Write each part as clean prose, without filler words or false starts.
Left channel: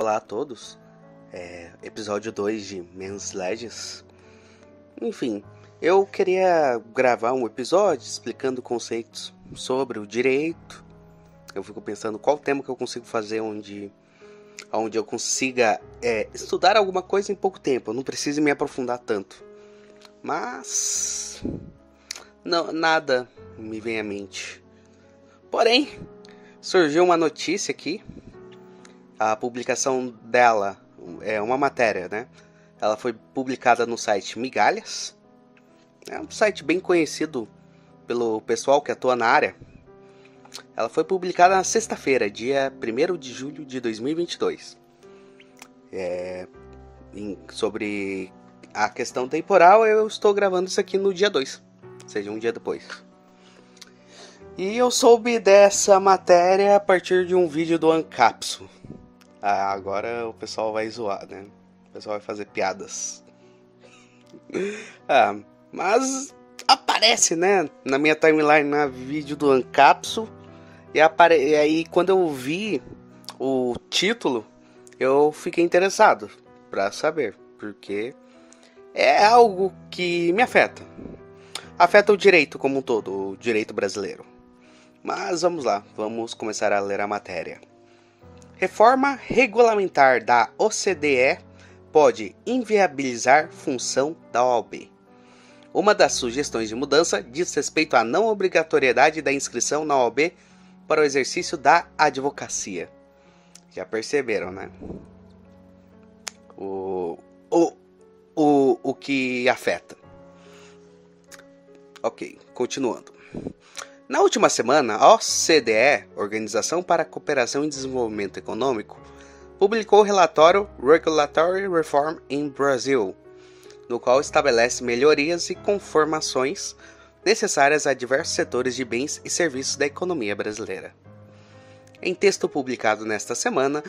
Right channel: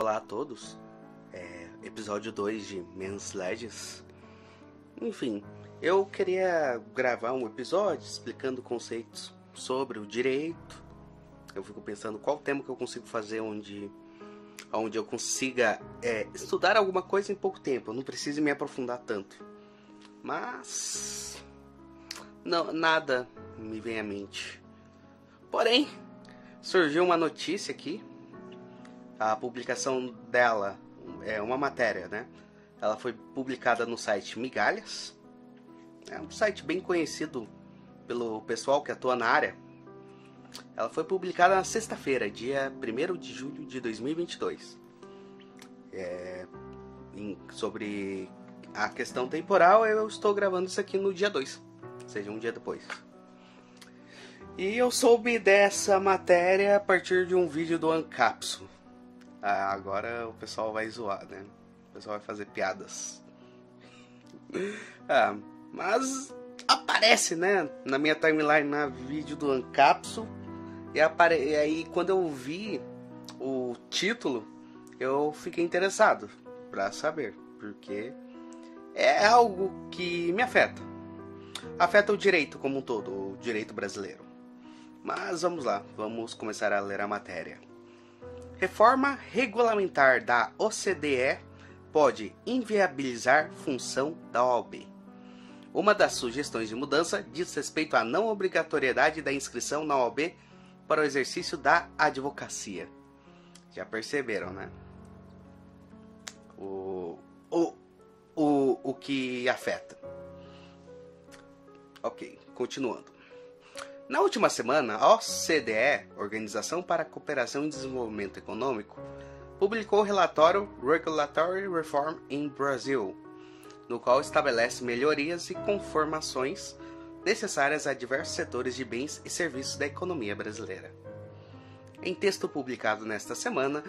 Olá a todos, episódio 2 de Men's Legends. Enfim, eu queria gravar um episódio explicando conceitos sobre o direito. Eu fico pensando qual tema que eu consigo fazer onde eu consiga estudar alguma coisa em pouco tempo. Eu não preciso me aprofundar tanto. Mas não, nada me vem à mente. Porém, surgiu uma notícia aqui. A publicação dela é uma matéria, né? Ela foi publicada no site Migalhas. É um site bem conhecido pelo pessoal que atua na área. Ela foi publicada na sexta-feira, dia 1º de julho de 2022. Sobre a questão temporal, eu estou gravando isso aqui no dia 2, ou seja, um dia depois. E eu soube dessa matéria a partir de um vídeo do Ancapsu. Agora o pessoal vai zoar, né? O pessoal vai fazer piadas. Mas aparece, né? Na minha timeline, no vídeo do Ancapsu. E aí quando eu vi o título, eu fiquei interessado pra saber. Porque é algo que me afeta. Afeta o direito como um todo, o direito brasileiro. Mas vamos lá, vamos começar a ler a matéria. Reforma regulamentar da OCDE pode inviabilizar função da OAB. Uma das sugestões de mudança diz respeito à não obrigatoriedade da inscrição na OAB para o exercício da advocacia. Já perceberam, né? O que afeta. Ok, continuando. Na última semana, a OCDE, Organização para a Cooperação e Desenvolvimento Econômico, publicou o relatório Regulatory Reform in Brazil, no qual estabelece melhorias e conformações necessárias a diversos setores de bens e serviços da economia brasileira. Em texto publicado nesta semana,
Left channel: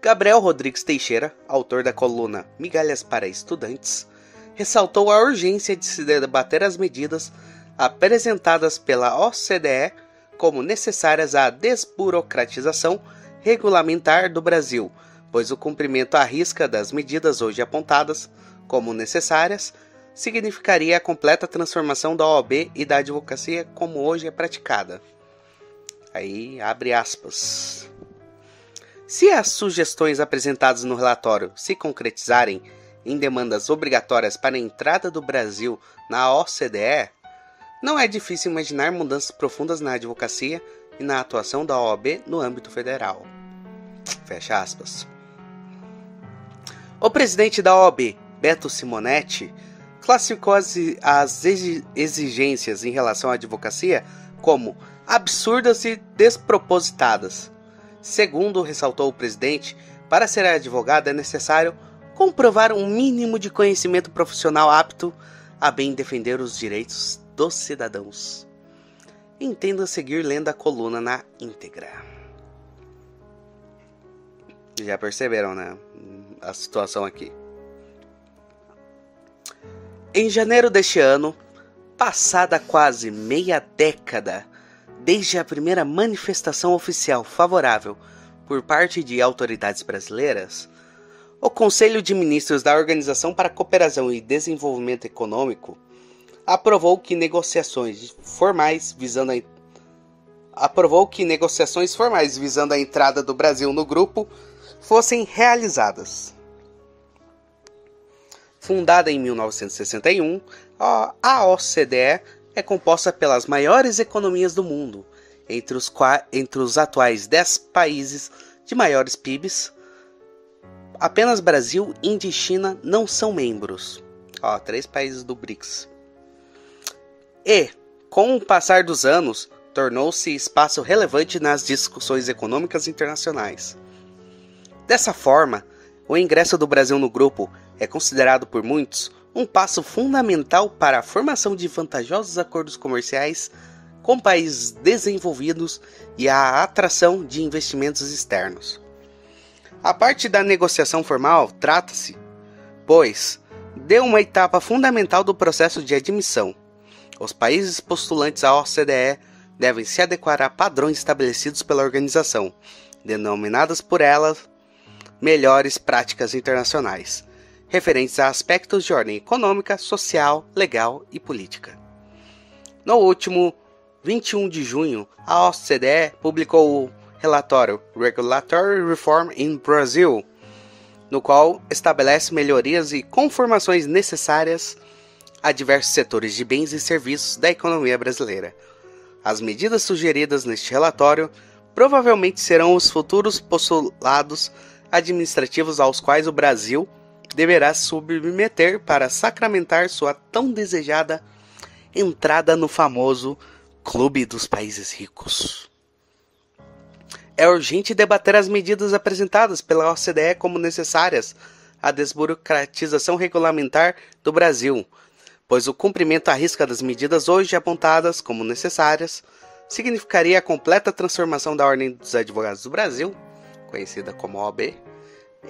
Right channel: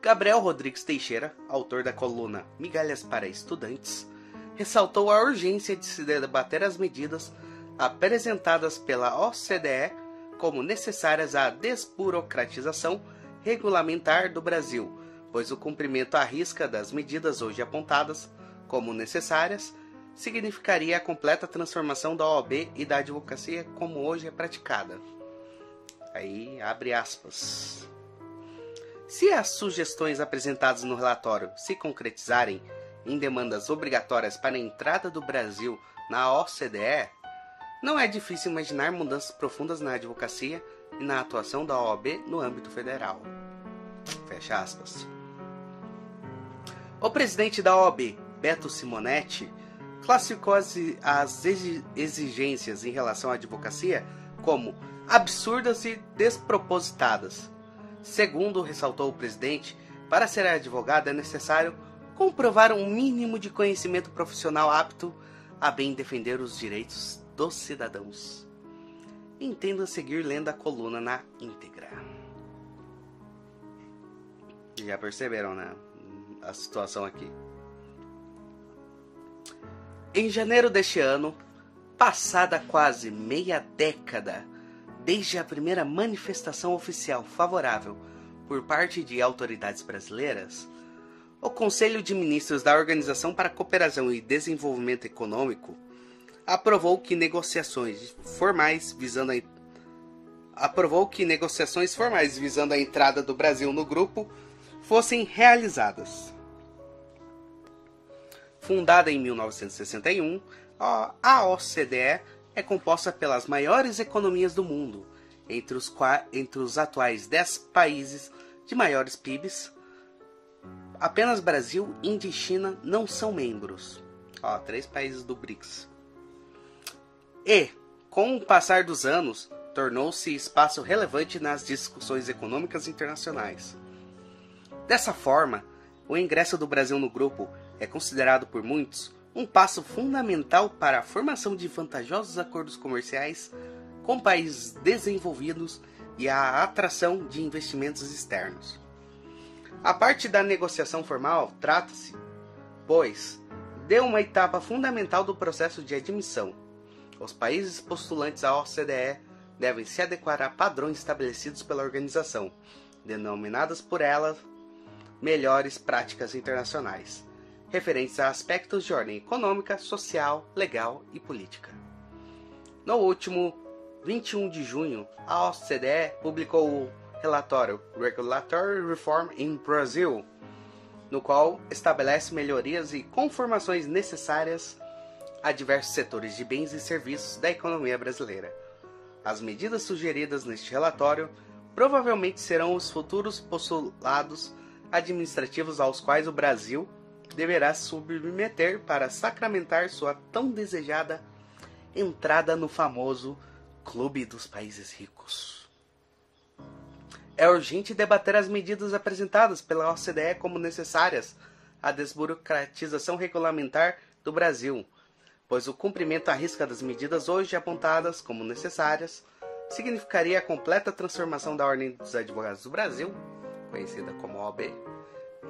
Gabriel Rodrigues Teixeira, autor da coluna Migalhas para Estudantes, ressaltou a urgência de se debater as medidas apresentadas pela OCDE como necessárias à desburocratização regulamentar do Brasil, pois o cumprimento à risca das medidas hoje apontadas como necessárias significaria a completa transformação da OAB e da advocacia como hoje é praticada. Aí, abre aspas. Se as sugestões apresentadas no relatório se concretizarem em demandas obrigatórias para a entrada do Brasil na OCDE, não é difícil imaginar mudanças profundas na advocacia e na atuação da OAB no âmbito federal. Fecha aspas. O presidente da OAB, Beto Simonetti, classificou as exigências em relação à advocacia como absurdas e despropositadas. Segundo ressaltou o presidente, para ser advogado é necessário comprovar um mínimo de conhecimento profissional apto a bem defender os direitos dos cidadãos. Entenda seguir lendo a coluna na íntegra. Já perceberam, né? A situação aqui. Em janeiro deste ano, passada quase meia década desde a primeira manifestação oficial favorável por parte de autoridades brasileiras, o Conselho de Ministros da Organização para a Cooperação e Desenvolvimento Econômico aprovou que negociações formais visando a entrada do Brasil no grupo fossem realizadas. Fundada em 1961, a OCDE é composta pelas maiores economias do mundo. Entre os atuais 10 países de maiores PIBs, apenas Brasil, Índia e China não são membros. 3 países do BRICS. E, com o passar dos anos, tornou-se espaço relevante nas discussões econômicas internacionais. Dessa forma, o ingresso do Brasil no grupo é considerado por muitos um passo fundamental para a formação de vantajosos acordos comerciais com países desenvolvidos e a atração de investimentos externos. A parte da negociação formal trata-se, pois, de uma etapa fundamental do processo de admissão. Os países postulantes à OCDE devem se adequar a padrões estabelecidos pela organização, denominadas por ela melhores práticas internacionais, referentes a aspectos de ordem econômica, social, legal e política. No último 21 de junho, a OCDE publicou o relatório Regulatory Reform in Brazil, no qual estabelece melhorias e conformações necessárias a diversos setores de bens e serviços da economia brasileira. As medidas sugeridas neste relatório provavelmente serão os futuros postulados administrativos aos quais o Brasil deverá se submeter para sacramentar sua tão desejada entrada no famoso Clube dos Países Ricos. É urgente debater as medidas apresentadas pela OCDE como necessárias à desburocratização regulamentar do Brasil, pois o cumprimento à risca das medidas hoje apontadas como necessárias significaria a completa transformação da Ordem dos Advogados do Brasil, conhecida como OAB,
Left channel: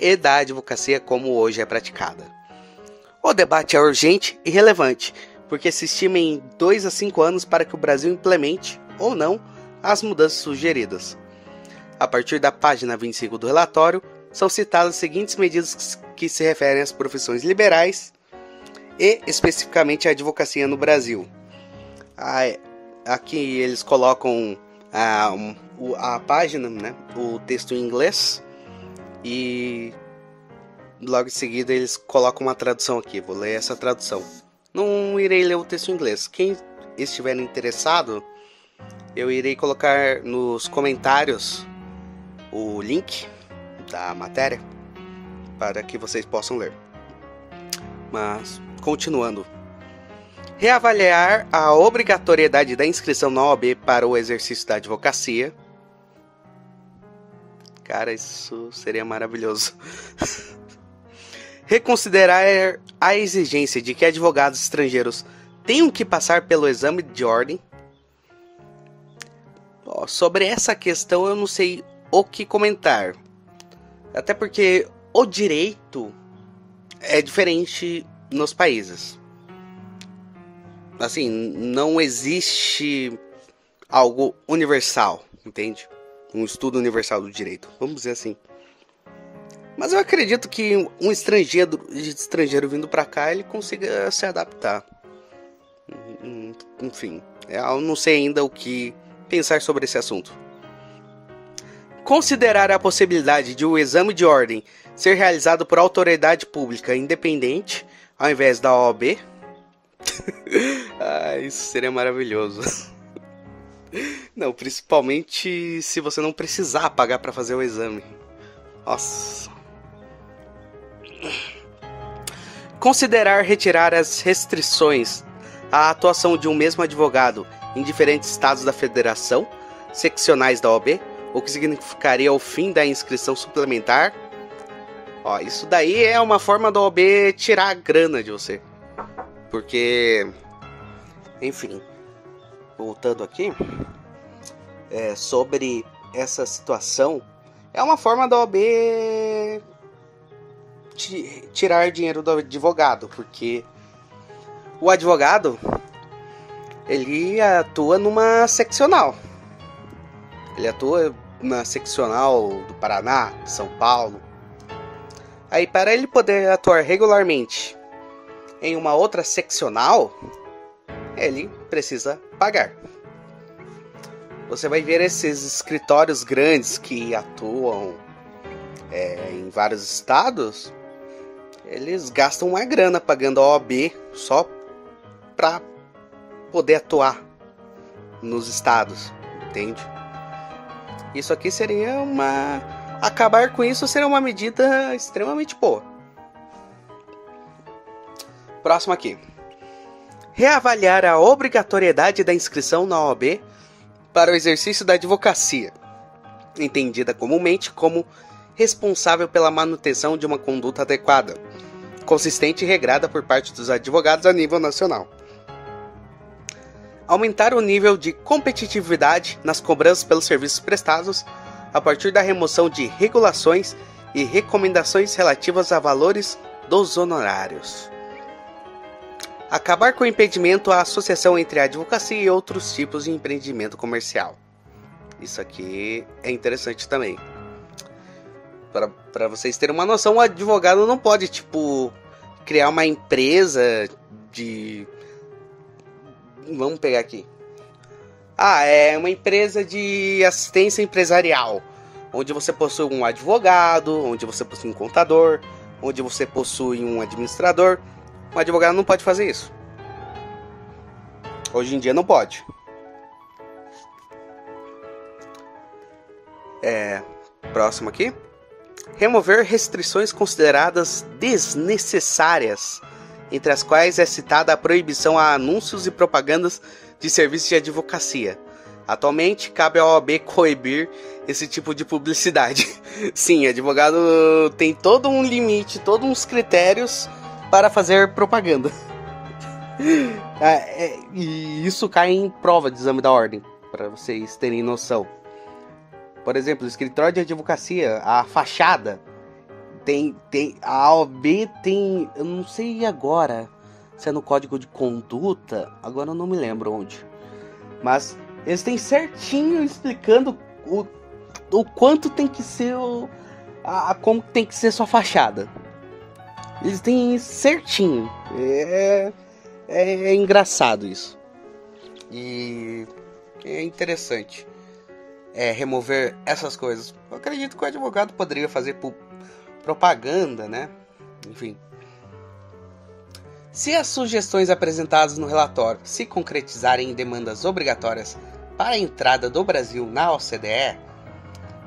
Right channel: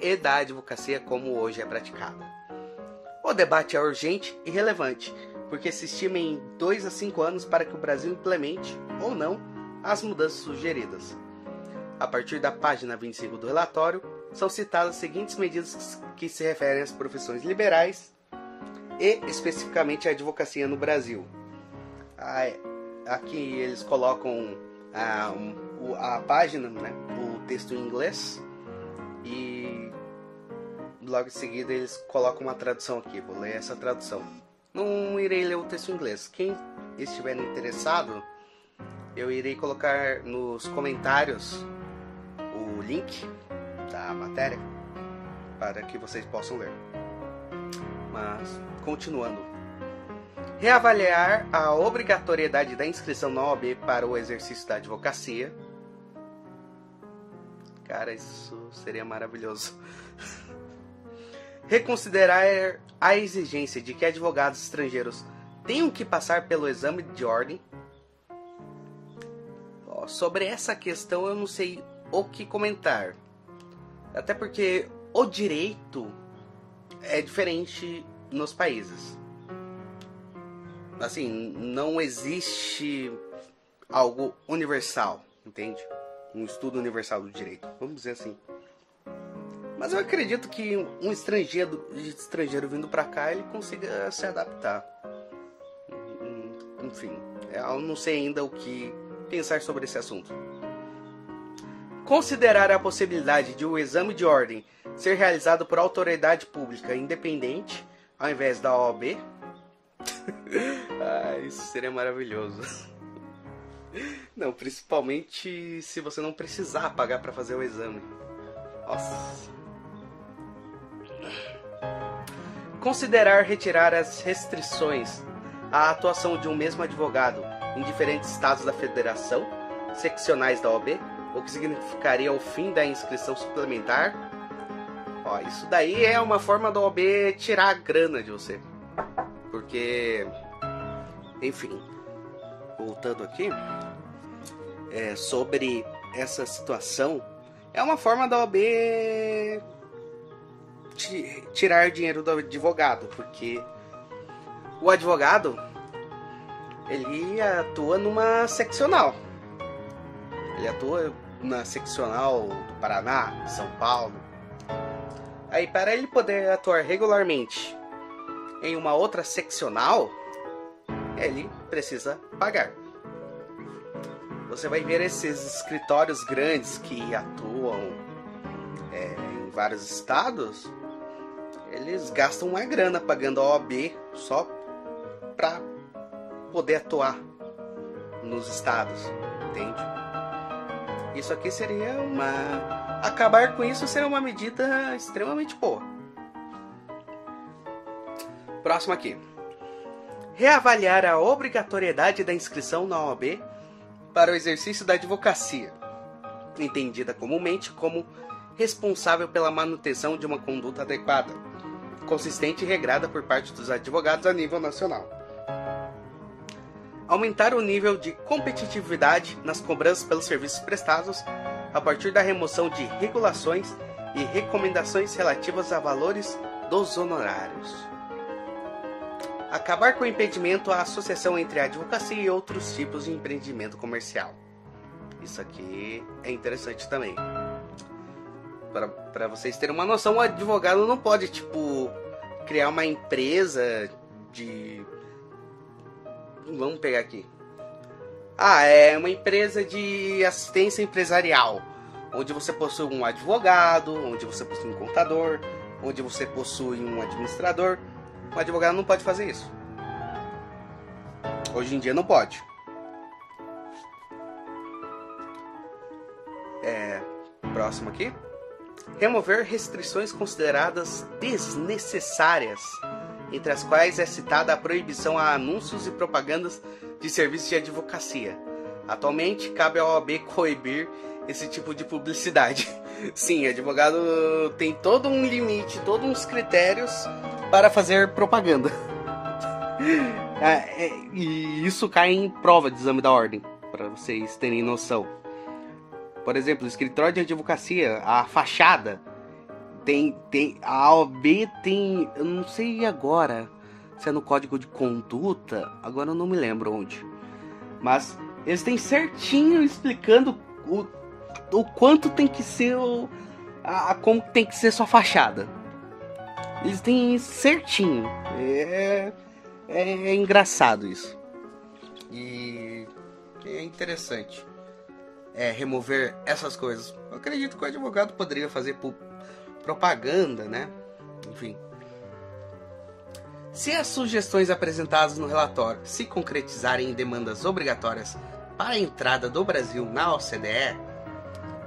e da advocacia como hoje é praticada. O debate é urgente e relevante, porque se estima em 2 a 5 anos para que o Brasil implemente, ou não, as mudanças sugeridas. A partir da página 25 do relatório, são citadas as seguintes medidas que se referem às profissões liberais e especificamente à advocacia no Brasil. Aqui eles colocam a página, né, o texto em inglês, e logo em seguida eles colocam uma tradução aqui. Vou ler essa tradução. Não irei ler o texto em inglês. Quem estiver interessado, eu irei colocar nos comentários o link da matéria para que vocês possam ler. Mas, continuando. Reavaliar a obrigatoriedade da inscrição na OAB para o exercício da advocacia. Cara, isso seria maravilhoso. Reconsiderar a exigência de que advogados estrangeiros tenham que passar pelo exame de ordem. Sobre essa questão eu não sei o que comentar. Até porque o direito é diferente nos países. Assim, não existe algo universal, entende? Um estudo universal do direito, vamos dizer assim. Mas eu acredito que um estrangeiro vindo para cá, ele consiga se adaptar. Enfim, eu não sei ainda o que pensar sobre esse assunto. Considerar a possibilidade de o exame de ordem ser realizado por autoridade pública independente, ao invés da OAB. Isso seria maravilhoso. Não, principalmente se você não precisar pagar para fazer o exame. Nossa. Considerar retirar as restrições à atuação de um mesmo advogado em diferentes estados da federação, seccionais da OAB, o que significaria o fim da inscrição suplementar. Isso daí é uma forma da OAB tirar a grana de você. Porque, enfim, voltando aqui, sobre essa situação, é uma forma da OAB tirar dinheiro do advogado, porque o advogado, ele atua numa seccional. Ele atua na seccional do Paraná, São Paulo. Aí, para ele poder atuar regularmente em uma outra seccional, ele precisa pagar. Você vai ver esses escritórios grandes que atuam em vários estados, eles gastam uma grana pagando a OAB só para poder atuar nos estados, entende? Isso aqui seria acabar com isso seria uma medida extremamente boa. Próximo aqui. Reavaliar a obrigatoriedade da inscrição na OAB para o exercício da advocacia, entendida comumente como responsável pela manutenção de uma conduta adequada, consistente e regrada por parte dos advogados a nível nacional. Aumentar o nível de competitividade nas cobranças pelos serviços prestados a partir da remoção de regulações e recomendações relativas a valores dos honorários. Acabar com o impedimento à associação entre a advocacia e outros tipos de empreendimento comercial. Isso aqui é interessante também. Para vocês terem uma noção, o advogado não pode, tipo, criar uma empresa de... Vamos pegar aqui. É uma empresa de assistência empresarial, onde você possui um advogado, onde você possui um contador, onde você possui um administrador. Um advogado não pode fazer isso. Hoje em dia não pode. Próximo aqui. Remover restrições consideradas desnecessárias, entre as quais é citada a proibição a anúncios e propagandas de serviços de advocacia. Atualmente, cabe à OAB coibir esse tipo de publicidade. Sim, advogado tem todo um limite, todos uns critérios para fazer propaganda. E isso cai em prova de exame da ordem, para vocês terem noção. Por exemplo, o escritório de advocacia, a fachada, a OAB tem, eu não sei agora se é no código de conduta, agora eu não me lembro onde, mas eles têm certinho explicando o quanto tem que ser como tem que ser sua fachada. Eles têm certinho. É engraçado isso. E é interessante. Remover essas coisas. Eu acredito que o advogado poderia fazer propaganda, né? Enfim. Se as sugestões apresentadas no relatório se concretizarem em demandas obrigatórias para a entrada do Brasil na OCDE,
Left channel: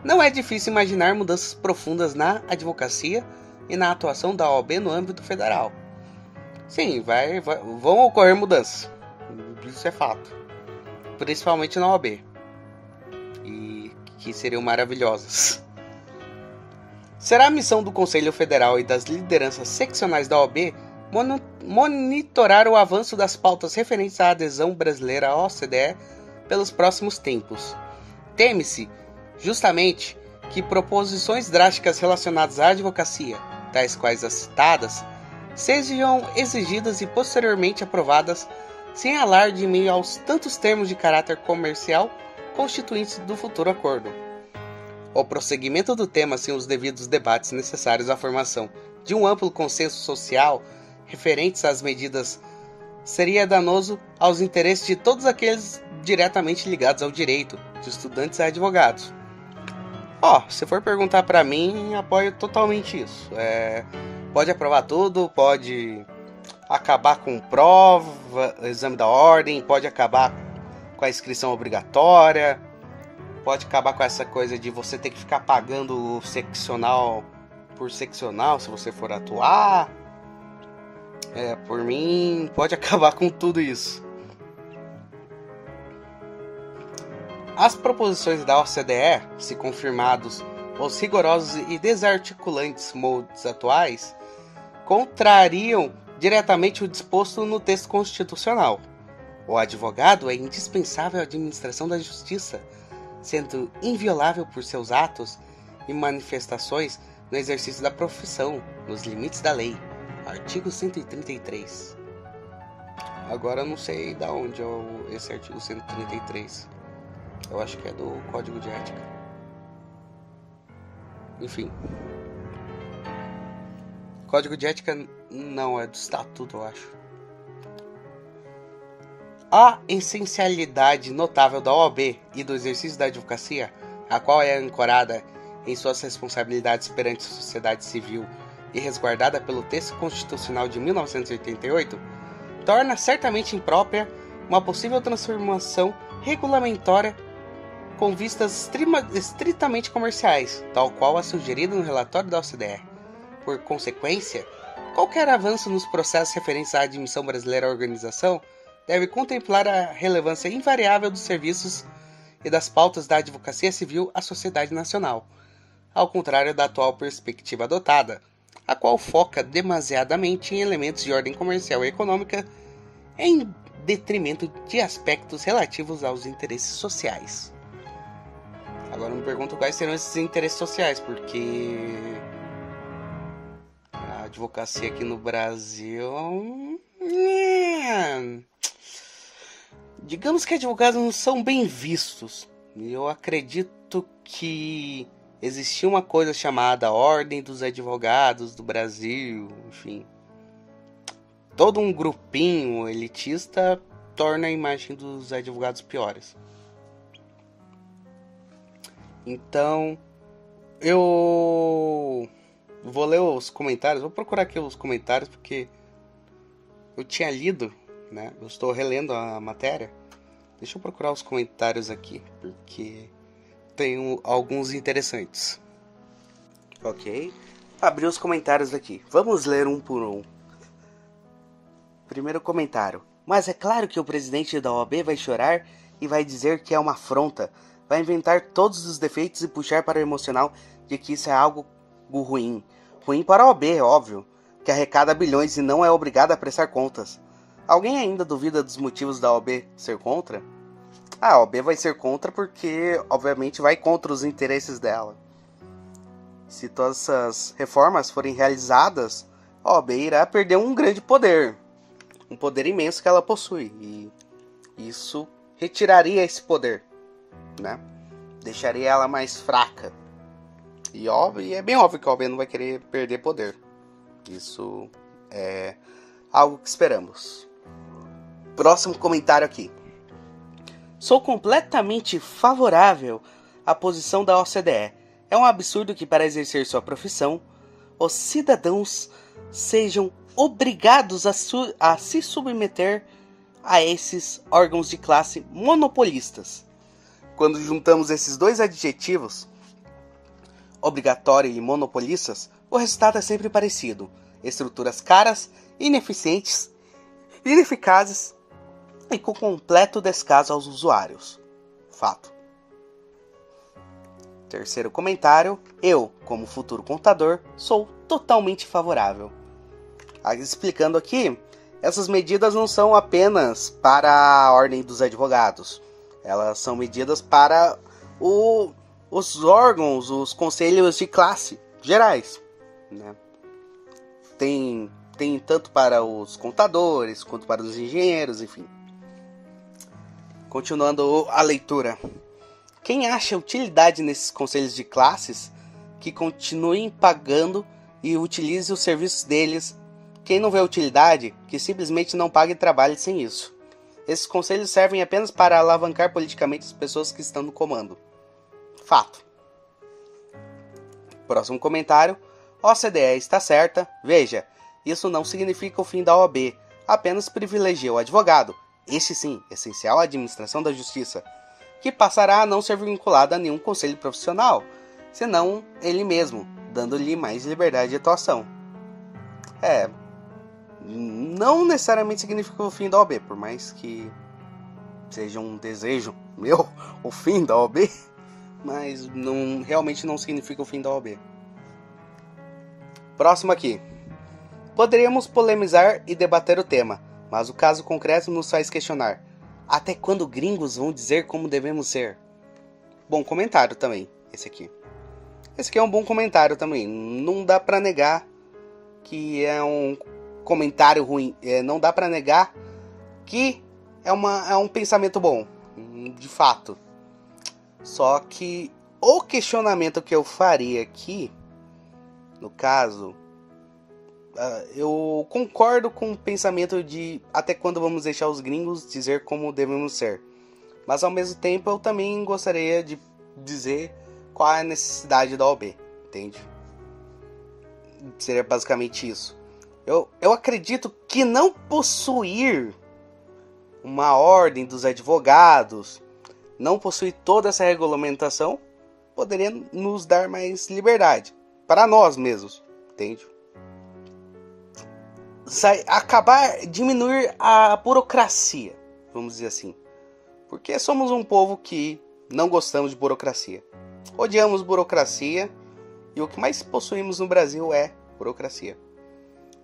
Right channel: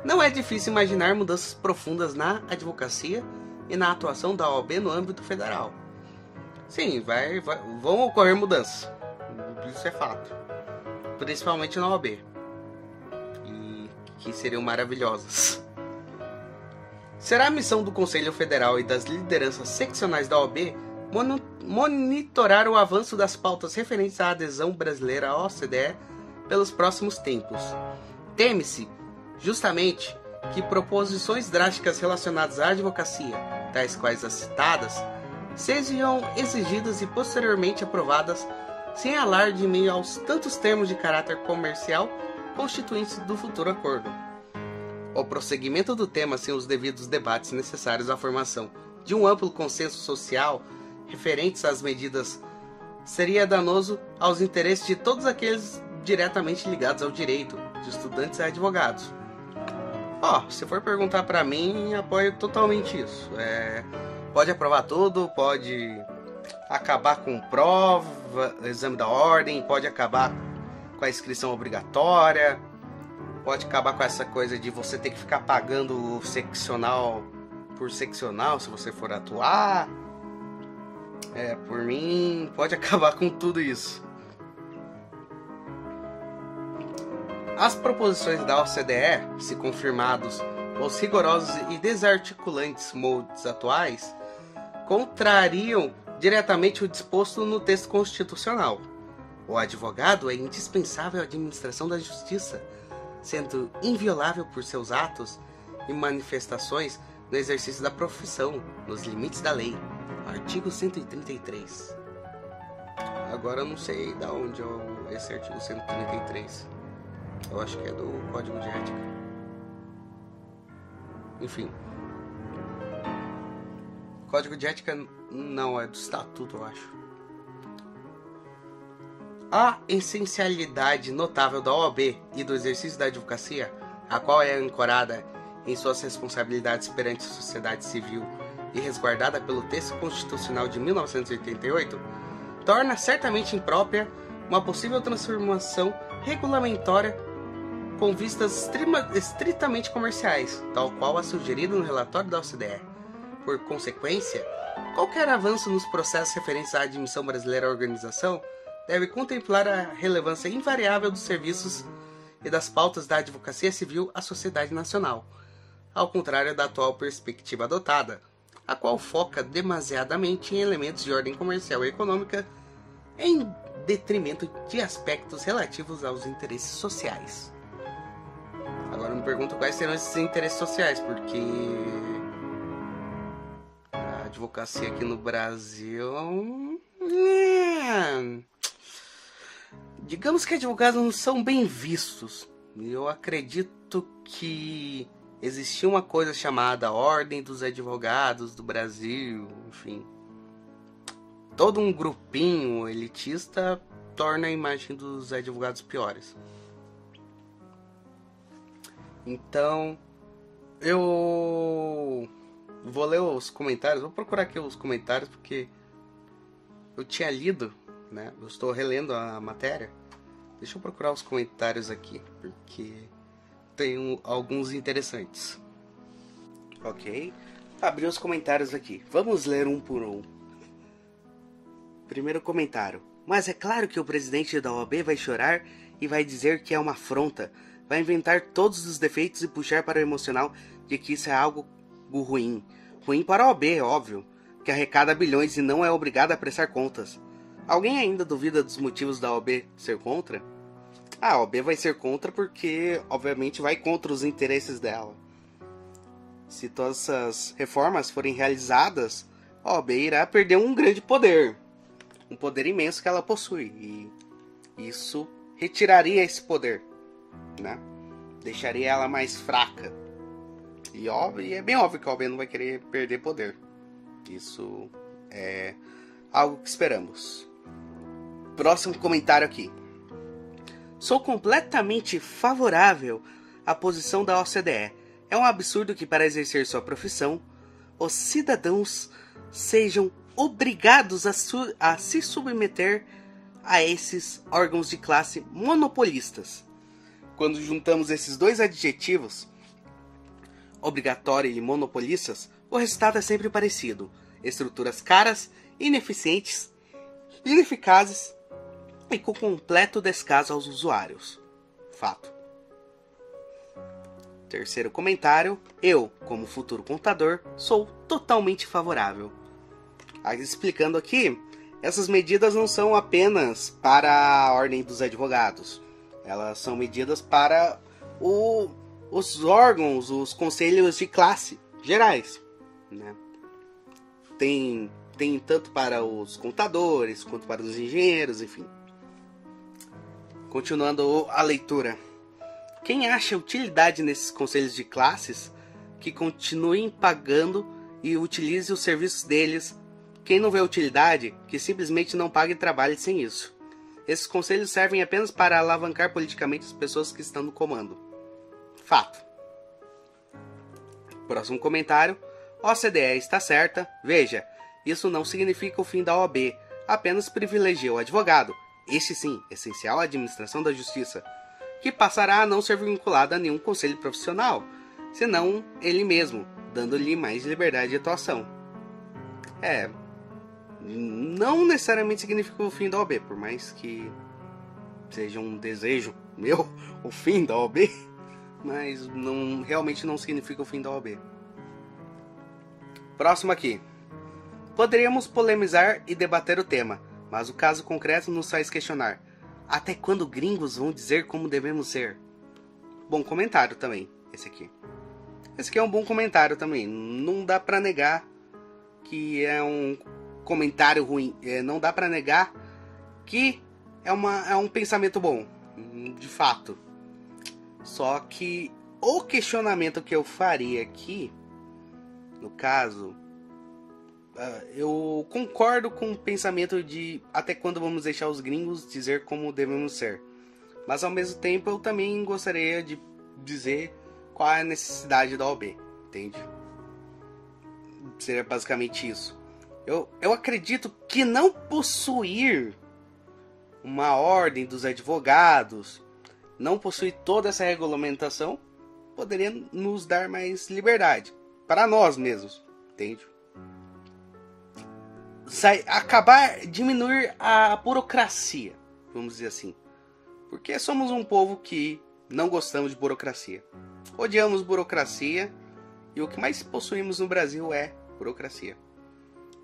não é difícil imaginar mudanças profundas na advocacia e na atuação da OAB no âmbito federal. Sim, vão ocorrer mudanças. Isso é fato. Principalmente na OAB. E que seriam maravilhosas. Será a missão do Conselho Federal e das lideranças seccionais da OAB monitorar o avanço das pautas referentes à adesão brasileira à OCDE pelos próximos tempos. Teme-se, justamente, que proposições drásticas relacionadas à advocacia, tais quais as citadas, sejam exigidas e posteriormente aprovadas sem alarde em meio aos tantos termos de caráter comercial constituintes do futuro acordo. O prosseguimento do tema sem os devidos debates necessários à formação de um amplo consenso social referentes às medidas seria danoso aos interesses de todos aqueles diretamente ligados ao direito, de estudantes a advogados. Se for perguntar para mim, apoio totalmente isso. Pode aprovar tudo, pode acabar com prova, exame da ordem, pode acabar com a inscrição obrigatória, pode acabar com essa coisa de você ter que ficar pagando o seccional por seccional se você for atuar. Por mim, pode acabar com tudo isso. As proposições da OCDE, se confirmados os rigorosos e desarticulantes moldes atuais, contrariam diretamente o disposto no texto constitucional. O advogado é indispensável à administração da justiça, sendo inviolável por seus atos e manifestações no exercício da profissão, nos limites da lei. Artigo 133. Agora eu não sei de onde é esse artigo 133. Eu acho que é do Código de Ética. Enfim. Código de Ética não, é do Estatuto, eu acho. A essencialidade notável da OAB e do exercício da advocacia, a qual é ancorada em suas responsabilidades perante a sociedade civil e resguardada pelo texto constitucional de 1988, torna certamente imprópria uma possível transformação regulamentória com vistas estritamente comerciais, tal qual a sugerida no relatório da OCDE. Por consequência, qualquer avanço nos processos referentes à admissão brasileira à organização deve contemplar a relevância invariável dos serviços e das pautas da advocacia civil à sociedade nacional, ao contrário da atual perspectiva adotada, a qual foca demasiadamente em elementos de ordem comercial e econômica em detrimento de aspectos relativos aos interesses sociais. Agora me pergunto quais serão esses interesses sociais, porque a advocacia aqui no Brasil... Digamos que advogados não são bem vistos. Eu acredito que existia uma coisa chamada Ordem dos Advogados do Brasil, enfim. Todo um grupinho elitista torna a imagem dos advogados piores. Então, eu vou ler os comentários, vou procurar aqui os comentários, porque eu tinha lido, né? Eu estou relendo a matéria. Deixa eu procurar os comentários aqui, porque tem alguns interessantes. Ok, abri os comentários aqui. Vamos ler um por um. Primeiro comentário. Mas é claro que o presidente da OAB vai chorar e vai dizer que é uma afronta. Vai inventar todos os defeitos e puxar para o emocional de que isso é algo ruim. Ruim para a OAB, é óbvio, que arrecada bilhões e não é obrigada a prestar contas. Alguém ainda duvida dos motivos da OAB ser contra? A OAB vai ser contra porque, obviamente, vai contra os interesses dela. Se todas essas reformas forem realizadas, a OAB irá perder um grande poder. Um poder imenso que ela possui. E isso retiraria esse poder, né? Deixaria ela mais fraca. E é bem óbvio que a OAB não vai querer perder poder. Isso é algo que esperamos. Próximo comentário aqui. Sou completamente favorável à posição da OCDE. É um absurdo que, para exercer sua profissão, os cidadãos sejam obrigados a se submeter a esses órgãos de classe monopolistas. Quando juntamos esses dois adjetivos, obrigatório e monopolistas, o resultado é sempre parecido. Estruturas caras, ineficientes, ineficazes e com completo descaso aos usuários. Fato. Terceiro comentário. Eu, como futuro contador, sou totalmente favorável. Explicando aqui, essas medidas não são apenas para a Ordem dos Advogados. Elas são medidas para os órgãos, os conselhos de classe gerais, né? Tem tanto para os contadores, quanto para os engenheiros, enfim. Continuando a leitura. Quem acha utilidade nesses conselhos de classes, que continuem pagando e utilize os serviços deles. Quem não vê utilidade, que simplesmente não pague e trabalhe sem isso. Esses conselhos servem apenas para alavancar politicamente as pessoas que estão no comando. Fato. Próximo comentário. OCDE está certa. Veja, isso não significa o fim da OAB. Apenas privilegia o advogado, este sim, essencial à administração da justiça, que passará a não ser vinculado a nenhum conselho profissional, senão ele mesmo, dando-lhe mais liberdade de atuação. Não necessariamente significa o fim da OAB, por mais que seja um desejo meu, o fim da OAB, mas realmente não significa o fim da OAB. Próximo aqui. Poderíamos polemizar e debater o tema, mas o caso concreto nos faz questionar. Até quando gringos vão dizer como devemos ser? Bom comentário também, esse aqui. Esse aqui é um bom comentário também. Não dá pra negar que é um comentário ruim. Não dá pra negar que é um pensamento bom, de fato. Só que o questionamento que eu faria aqui, no caso, eu concordo com o pensamento de até quando vamos deixar os gringos dizer como devemos ser. Mas ao mesmo tempo eu também gostaria de dizer qual é a necessidade da OAB, entende? Seria basicamente isso. Eu acredito que não possuir uma ordem dos advogados, não possuir toda essa regulamentação, poderia nos dar mais liberdade. Para nós mesmos, entende? Diminuir a burocracia, vamos dizer assim. Porque somos um povo que não gostamos de burocracia. Odiamos burocracia e o que mais possuímos no Brasil é burocracia.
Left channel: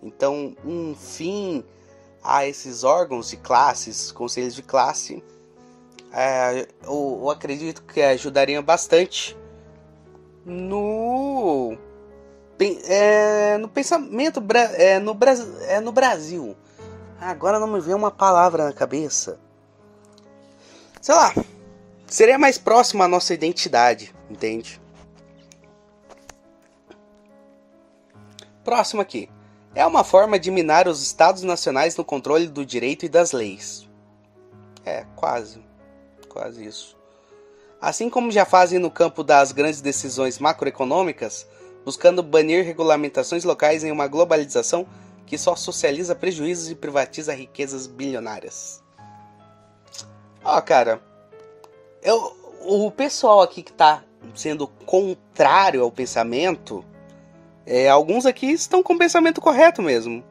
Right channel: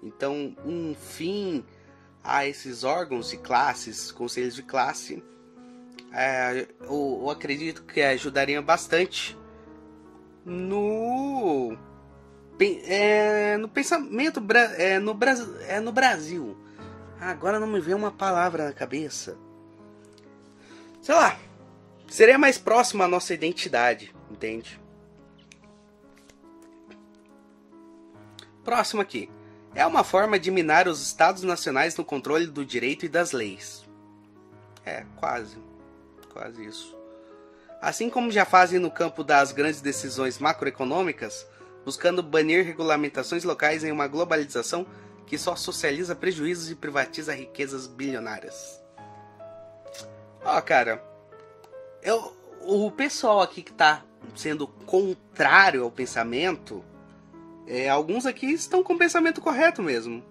Então, um fim a esses órgãos de classes, conselhos de classe, eu acredito que ajudaria bastante no pensamento no Brasil. Agora não me vem uma palavra na cabeça. Sei lá, seria mais próximo à nossa identidade, entende? Próximo aqui. É uma forma de minar os estados nacionais no controle do direito e das leis. Quase isso. Assim como já fazem no campo das grandes decisões macroeconômicas, buscando banir regulamentações locais em uma globalização que só socializa prejuízos e privatiza riquezas bilionárias. Cara, o pessoal aqui que tá sendo contrário ao pensamento, alguns aqui estão com o pensamento correto mesmo.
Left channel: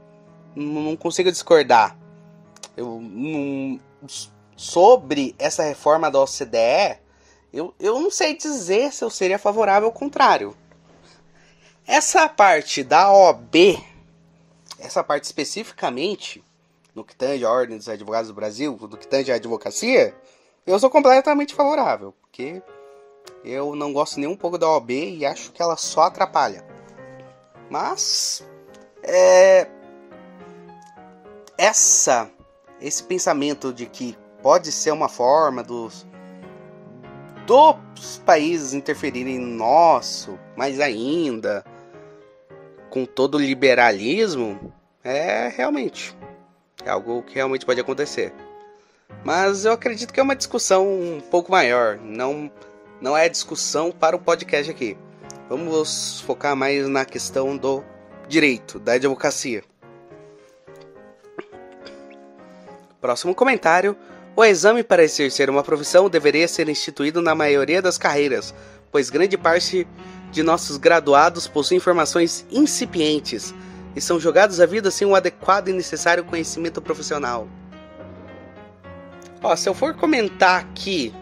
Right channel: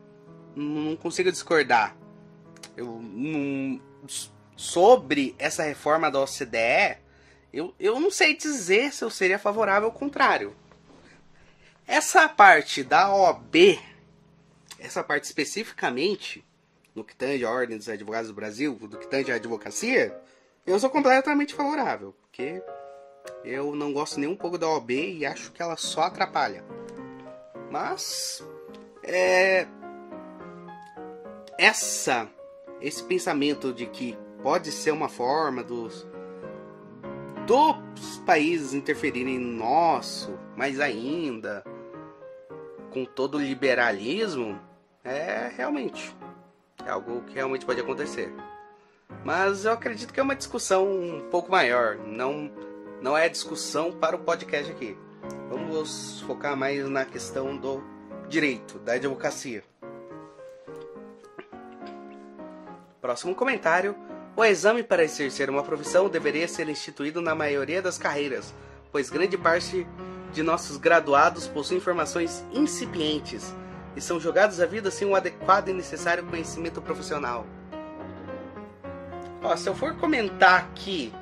Não consigo discordar. Sobre essa reforma da OCDE, eu não sei dizer se eu seria favorável ou contrário. Essa parte da OAB, essa parte especificamente, no que tange a Ordem dos Advogados do Brasil, no que tange a advocacia, eu sou completamente favorável, porque eu não gosto nem um pouco da OAB e acho que ela só atrapalha. Mas, esse pensamento de que pode ser uma forma dos países interferirem no nosso, mais ainda, com todo o liberalismo, realmente algo que realmente pode acontecer. Mas eu acredito que é uma discussão um pouco maior, não é discussão para o podcast aqui. Vamos focar mais na questão do direito, da advocacia. Próximo comentário. O exame para exercer uma profissão deveria ser instituído na maioria das carreiras, pois grande parte de nossos graduados possuem formações incipientes e são jogados à vida sem um adequado e necessário conhecimento profissional. Se eu for comentar aqui,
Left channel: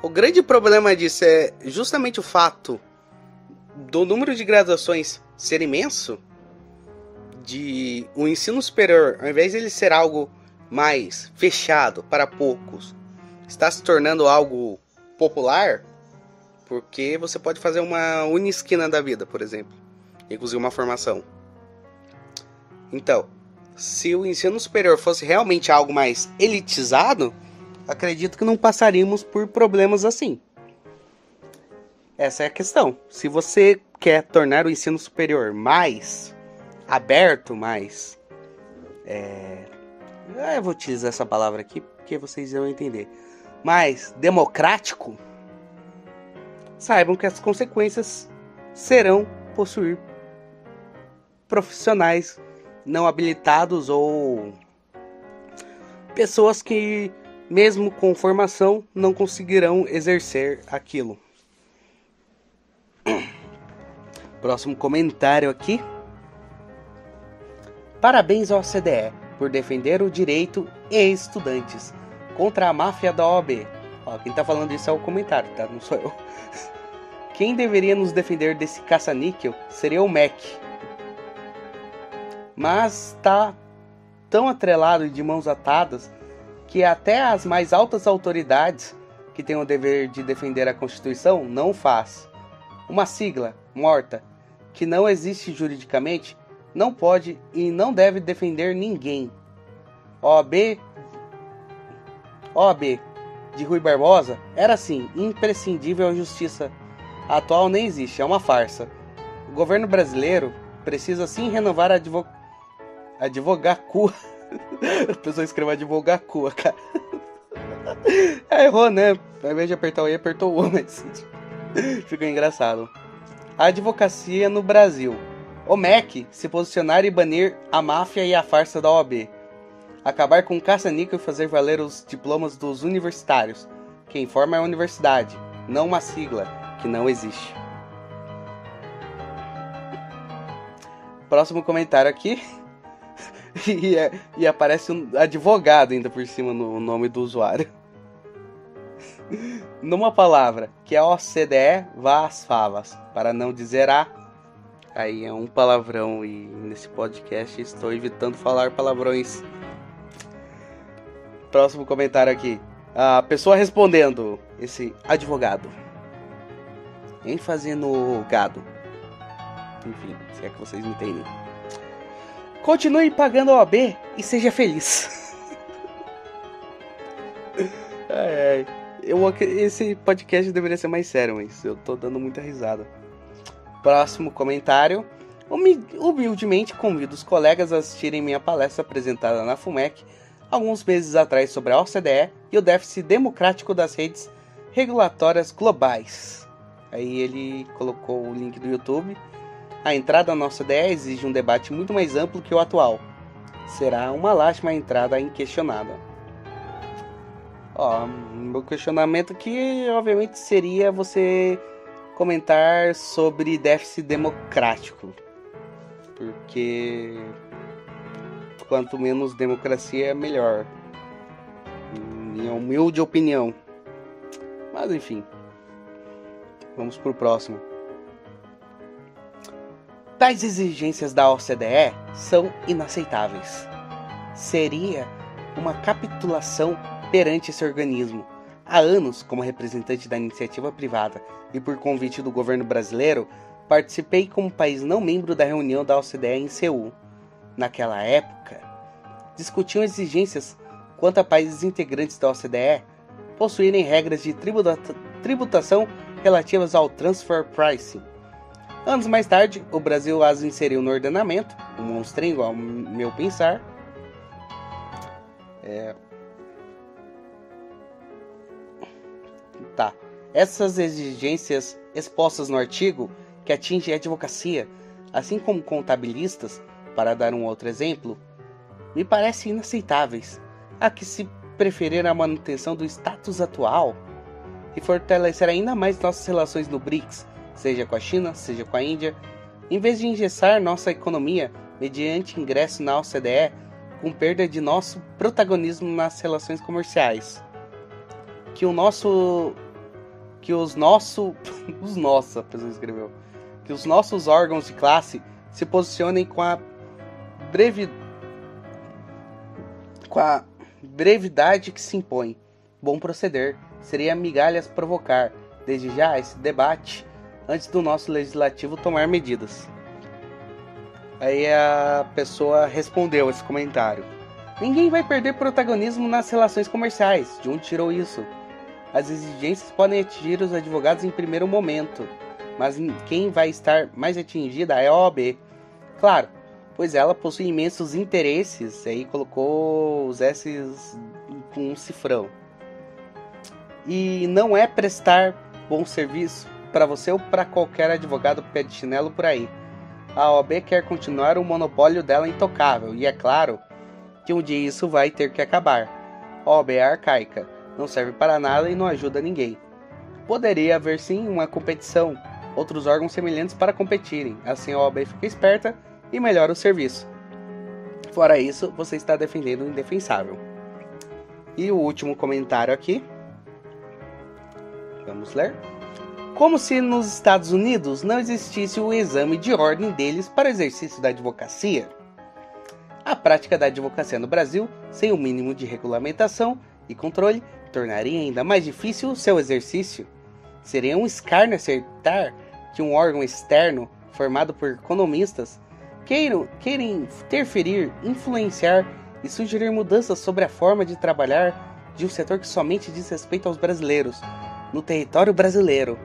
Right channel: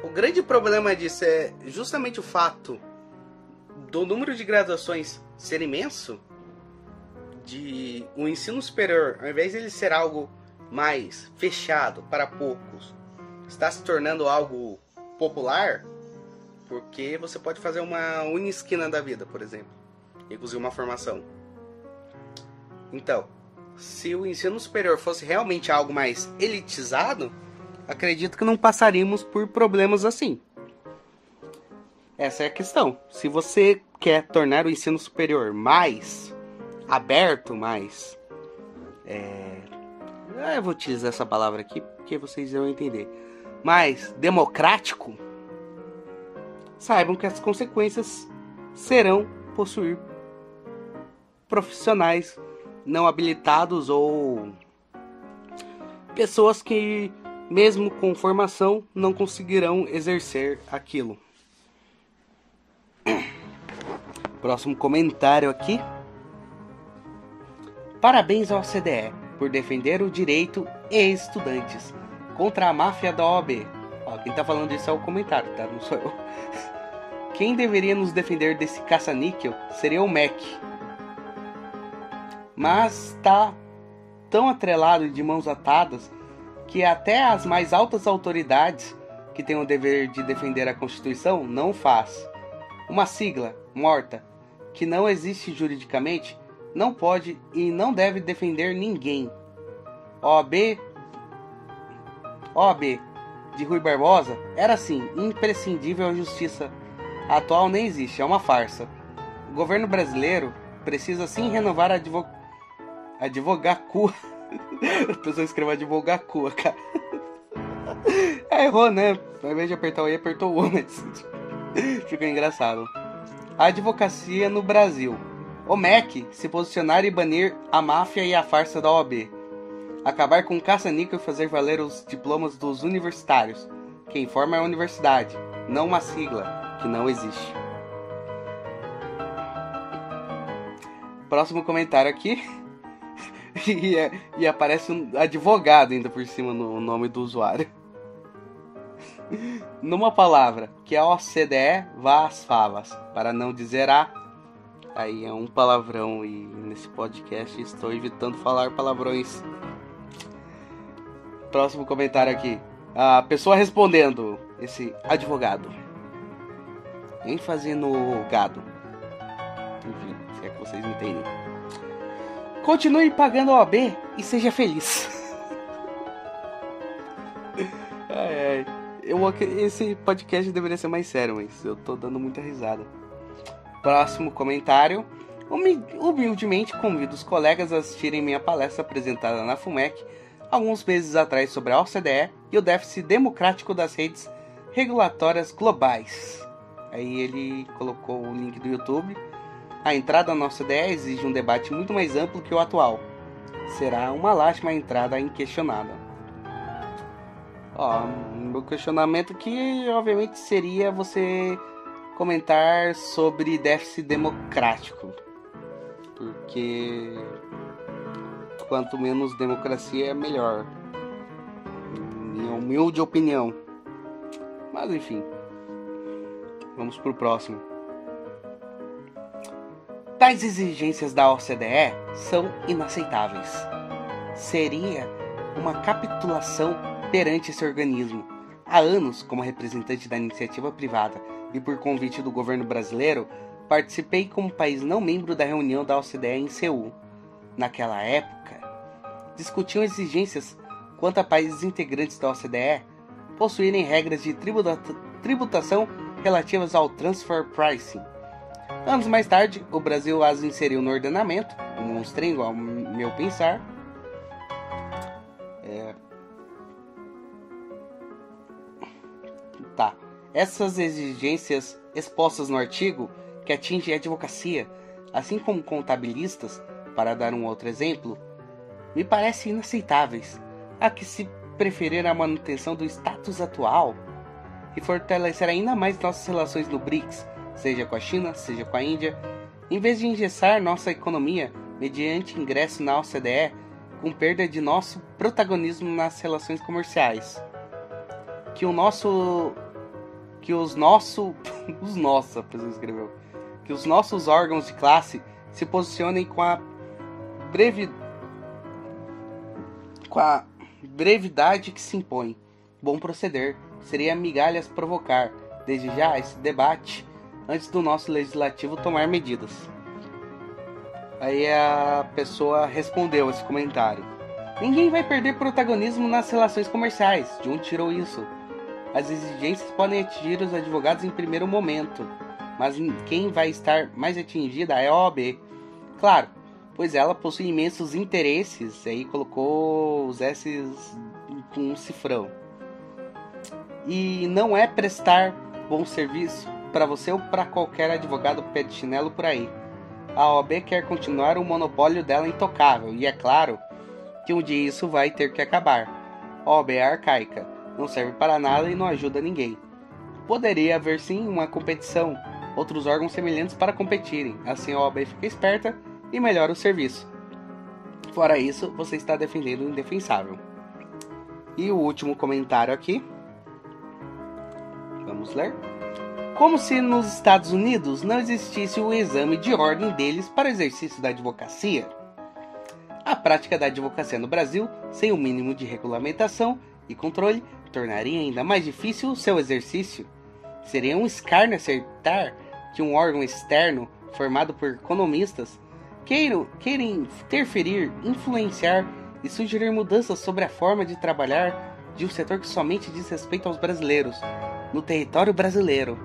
o grande problema disso é justamente o fato do número de graduações ser imenso, de o ensino superior, ao invés de ele ser algo mais fechado para poucos, está se tornando algo popular, porque você pode fazer uma unisquina da vida, por exemplo, inclusive uma formação. Então, se o ensino superior fosse realmente algo mais elitizado, acredito que não passaríamos por problemas assim. Essa é a questão. Se você quer tornar o ensino superior mais aberto, mais... eu vou utilizar essa palavra aqui porque vocês vão entender. Mais democrático, saibam que as consequências serão possuir profissionais não habilitados ou pessoas que, mesmo com formação, não conseguirão exercer aquilo. Próximo comentário aqui. Parabéns ao OCDE por defender o direito e estudantes contra a máfia da OAB. Quem tá falando isso é o comentário, tá? Não sou eu. Quem deveria nos defender desse caça-níquel seria o MEC. Mas tá tão atrelado e de mãos atadas que até as mais altas autoridades que têm o dever de defender a Constituição não faz. Uma sigla morta que não existe juridicamente não pode e não deve defender ninguém. OAB de Rui Barbosa era assim, imprescindível à justiça. A atual nem existe, é uma farsa. O governo brasileiro precisa sim renovar a advogacua. A pessoa escreveu advogacua, cara. Errou, né? Ao invés de apertar o I, apertou o U, mas ficou engraçado. A advocacia no Brasil. O MEC se posicionar e banir a máfia e a farsa da OAB. Acabar com o caça-níquel e fazer valer os diplomas dos universitários. Quem forma é a universidade, não uma sigla que não existe. Próximo comentário aqui. E aparece um advogado ainda por cima no nome do usuário. Numa palavra, que a OCDE vá às favas, para não dizer a... Aí é um palavrão e nesse podcast estou evitando falar palavrões. Próximo comentário aqui. A pessoa respondendo, esse advogado. ênfase no gado. Enfim, se é que vocês entendem. Continue pagando a OAB e seja feliz. Esse podcast deveria ser mais sério, mas eu tô dando muita risada. Próximo comentário. Humildemente convido os colegas a assistirem minha palestra apresentada na FUMEC alguns meses atrás sobre a OCDE e o déficit democrático das redes regulatórias globais. Aí ele colocou o link do YouTube. A entrada na OCDE exige um debate muito mais amplo que o atual. Será uma lástima a entrada inquestionada. Meu questionamento aqui, obviamente, seria você comentar sobre déficit democrático. Porque quanto menos democracia, melhor. Minha humilde opinião. Mas enfim. Vamos pro próximo. Tais exigências da OCDE são inaceitáveis. Seria uma capitulação perante esse organismo. Há anos, como representante da iniciativa privada e por convite do governo brasileiro, participei como país não membro da reunião da OCDE em Seul. Naquela época, discutiam exigências quanto a países integrantes da OCDE possuírem regras de tributação relativas ao transfer pricing. Anos mais tarde, o Brasil as inseriu no ordenamento, um monstrengo ao meu pensar. Essas exigências expostas no artigo, que atingem a advocacia, assim como contabilistas, para dar um outro exemplo, me parecem inaceitáveis, a que se preferir a manutenção do status atual e fortalecer ainda mais nossas relações no BRICS, seja com a China, seja com a Índia, em vez de engessar nossa economia mediante ingresso na OCDE, com perda de nosso protagonismo nas relações comerciais. Que os nossos órgãos de classe se posicionem com a brevidade que se impõe. Bom proceder. Seria migalhas provocar, desde já, esse debate antes do nosso legislativo tomar medidas. Aí a pessoa respondeu esse comentário. Ninguém vai perder protagonismo nas relações comerciais. De onde tirou isso? As exigências podem atingir os advogados em primeiro momento, mas quem vai estar mais atingida é a OAB. Claro, pois ela possui imensos interesses, aí colocou os S's com um cifrão. E não é prestar bom serviço para você ou para qualquer advogado pé de chinelo por aí. A OAB quer continuar o monopólio dela intocável, e é claro que um dia isso vai ter que acabar. A OAB é arcaica, não serve para nada e não ajuda ninguém. Poderia haver sim uma competição, outros órgãos semelhantes para competirem, assim a OAB fica esperta e melhora o serviço. Fora isso, você está defendendo o indefensável. E o último comentário aqui. Vamos ler. Como se nos Estados Unidos não existisse o exame de ordem deles para o exercício da advocacia. A prática da advocacia no Brasil, sem o mínimo de regulamentação e controle, tornaria ainda mais difícil o seu exercício. Seria um escárnio aceitar que um órgão externo, formado por economistas, queira interferir, influenciar e sugerir mudanças sobre a forma de trabalhar de um setor que somente diz respeito aos brasileiros, no território brasileiro.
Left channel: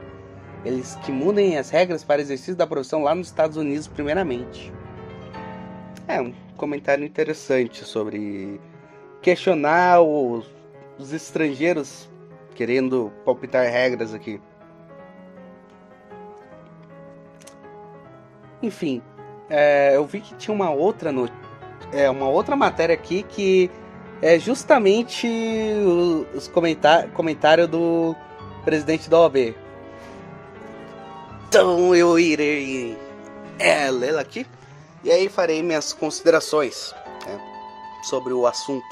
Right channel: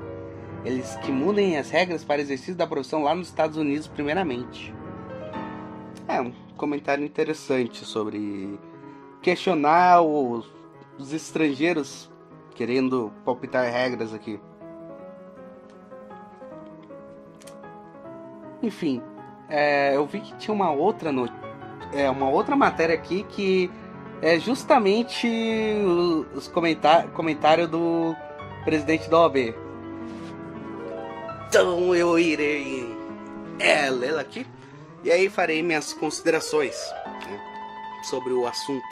Eles que mudem as regras para exercício da profissão lá nos Estados Unidos primeiramente. Um comentário interessante sobre questionar os estrangeiros querendo palpitar regras aqui. Enfim, eu vi que tinha uma outra matéria aqui que é justamente os comentários do presidente da OAB. Então eu irei lê-la aqui e aí farei minhas considerações sobre o assunto.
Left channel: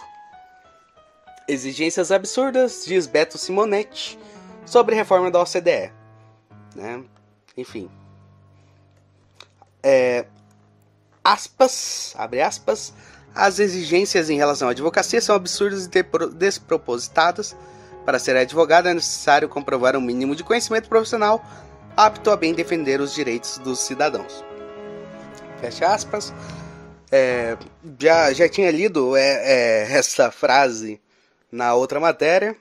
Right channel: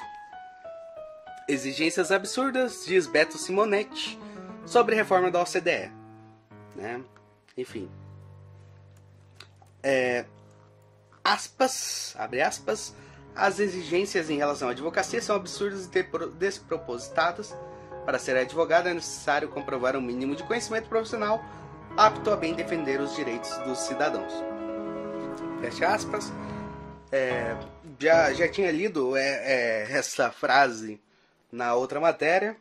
Exigências absurdas, diz Beto Simonetti, sobre reforma da OCDE. Enfim. Abre aspas, as exigências em relação à advocacia são absurdas e despropositadas. Para ser advogado é necessário comprovar um mínimo de conhecimento profissional apto a bem defender os direitos dos cidadãos. Fecha aspas. Já tinha lido essa frase na outra matéria.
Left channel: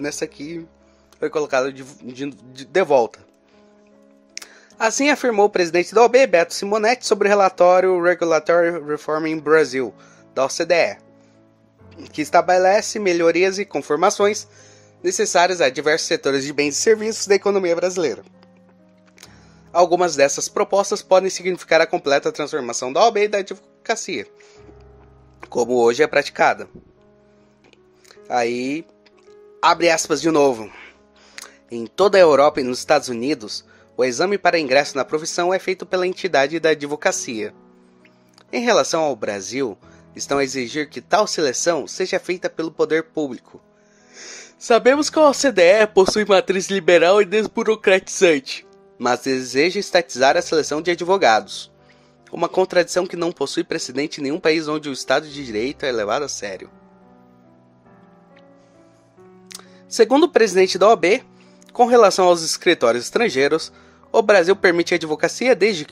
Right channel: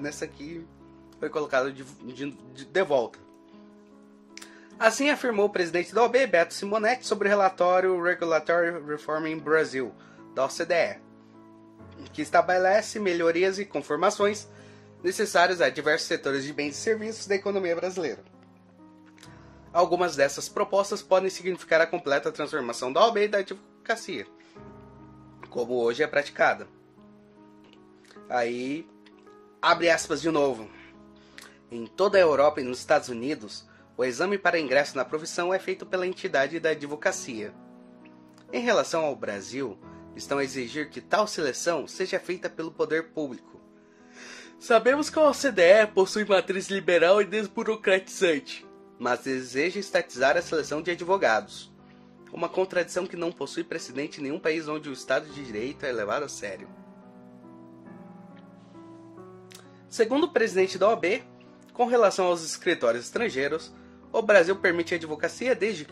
Nessa aqui foi colocado de volta. Assim afirmou o presidente da OAB, Beto Simonetti, sobre o relatório Regulatory Reform in Brazil, da OCDE, que estabelece melhorias e conformações necessárias a diversos setores de bens e serviços da economia brasileira. Algumas dessas propostas podem significar a completa transformação da OAB e da advocacia, como hoje é praticada. Aí, abre aspas de novo. Em toda a Europa e nos Estados Unidos, o exame para ingresso na profissão é feito pela entidade da advocacia. Em relação ao Brasil, estão a exigir que tal seleção seja feita pelo poder público. Sabemos que a OCDE possui matriz liberal e desburocratizante, mas deseja estatizar a seleção de advogados. Uma contradição que não possui precedente em nenhum país onde o Estado de Direito é levado a sério. Segundo o presidente da OAB, com relação aos escritórios estrangeiros, o Brasil permite a advocacia desde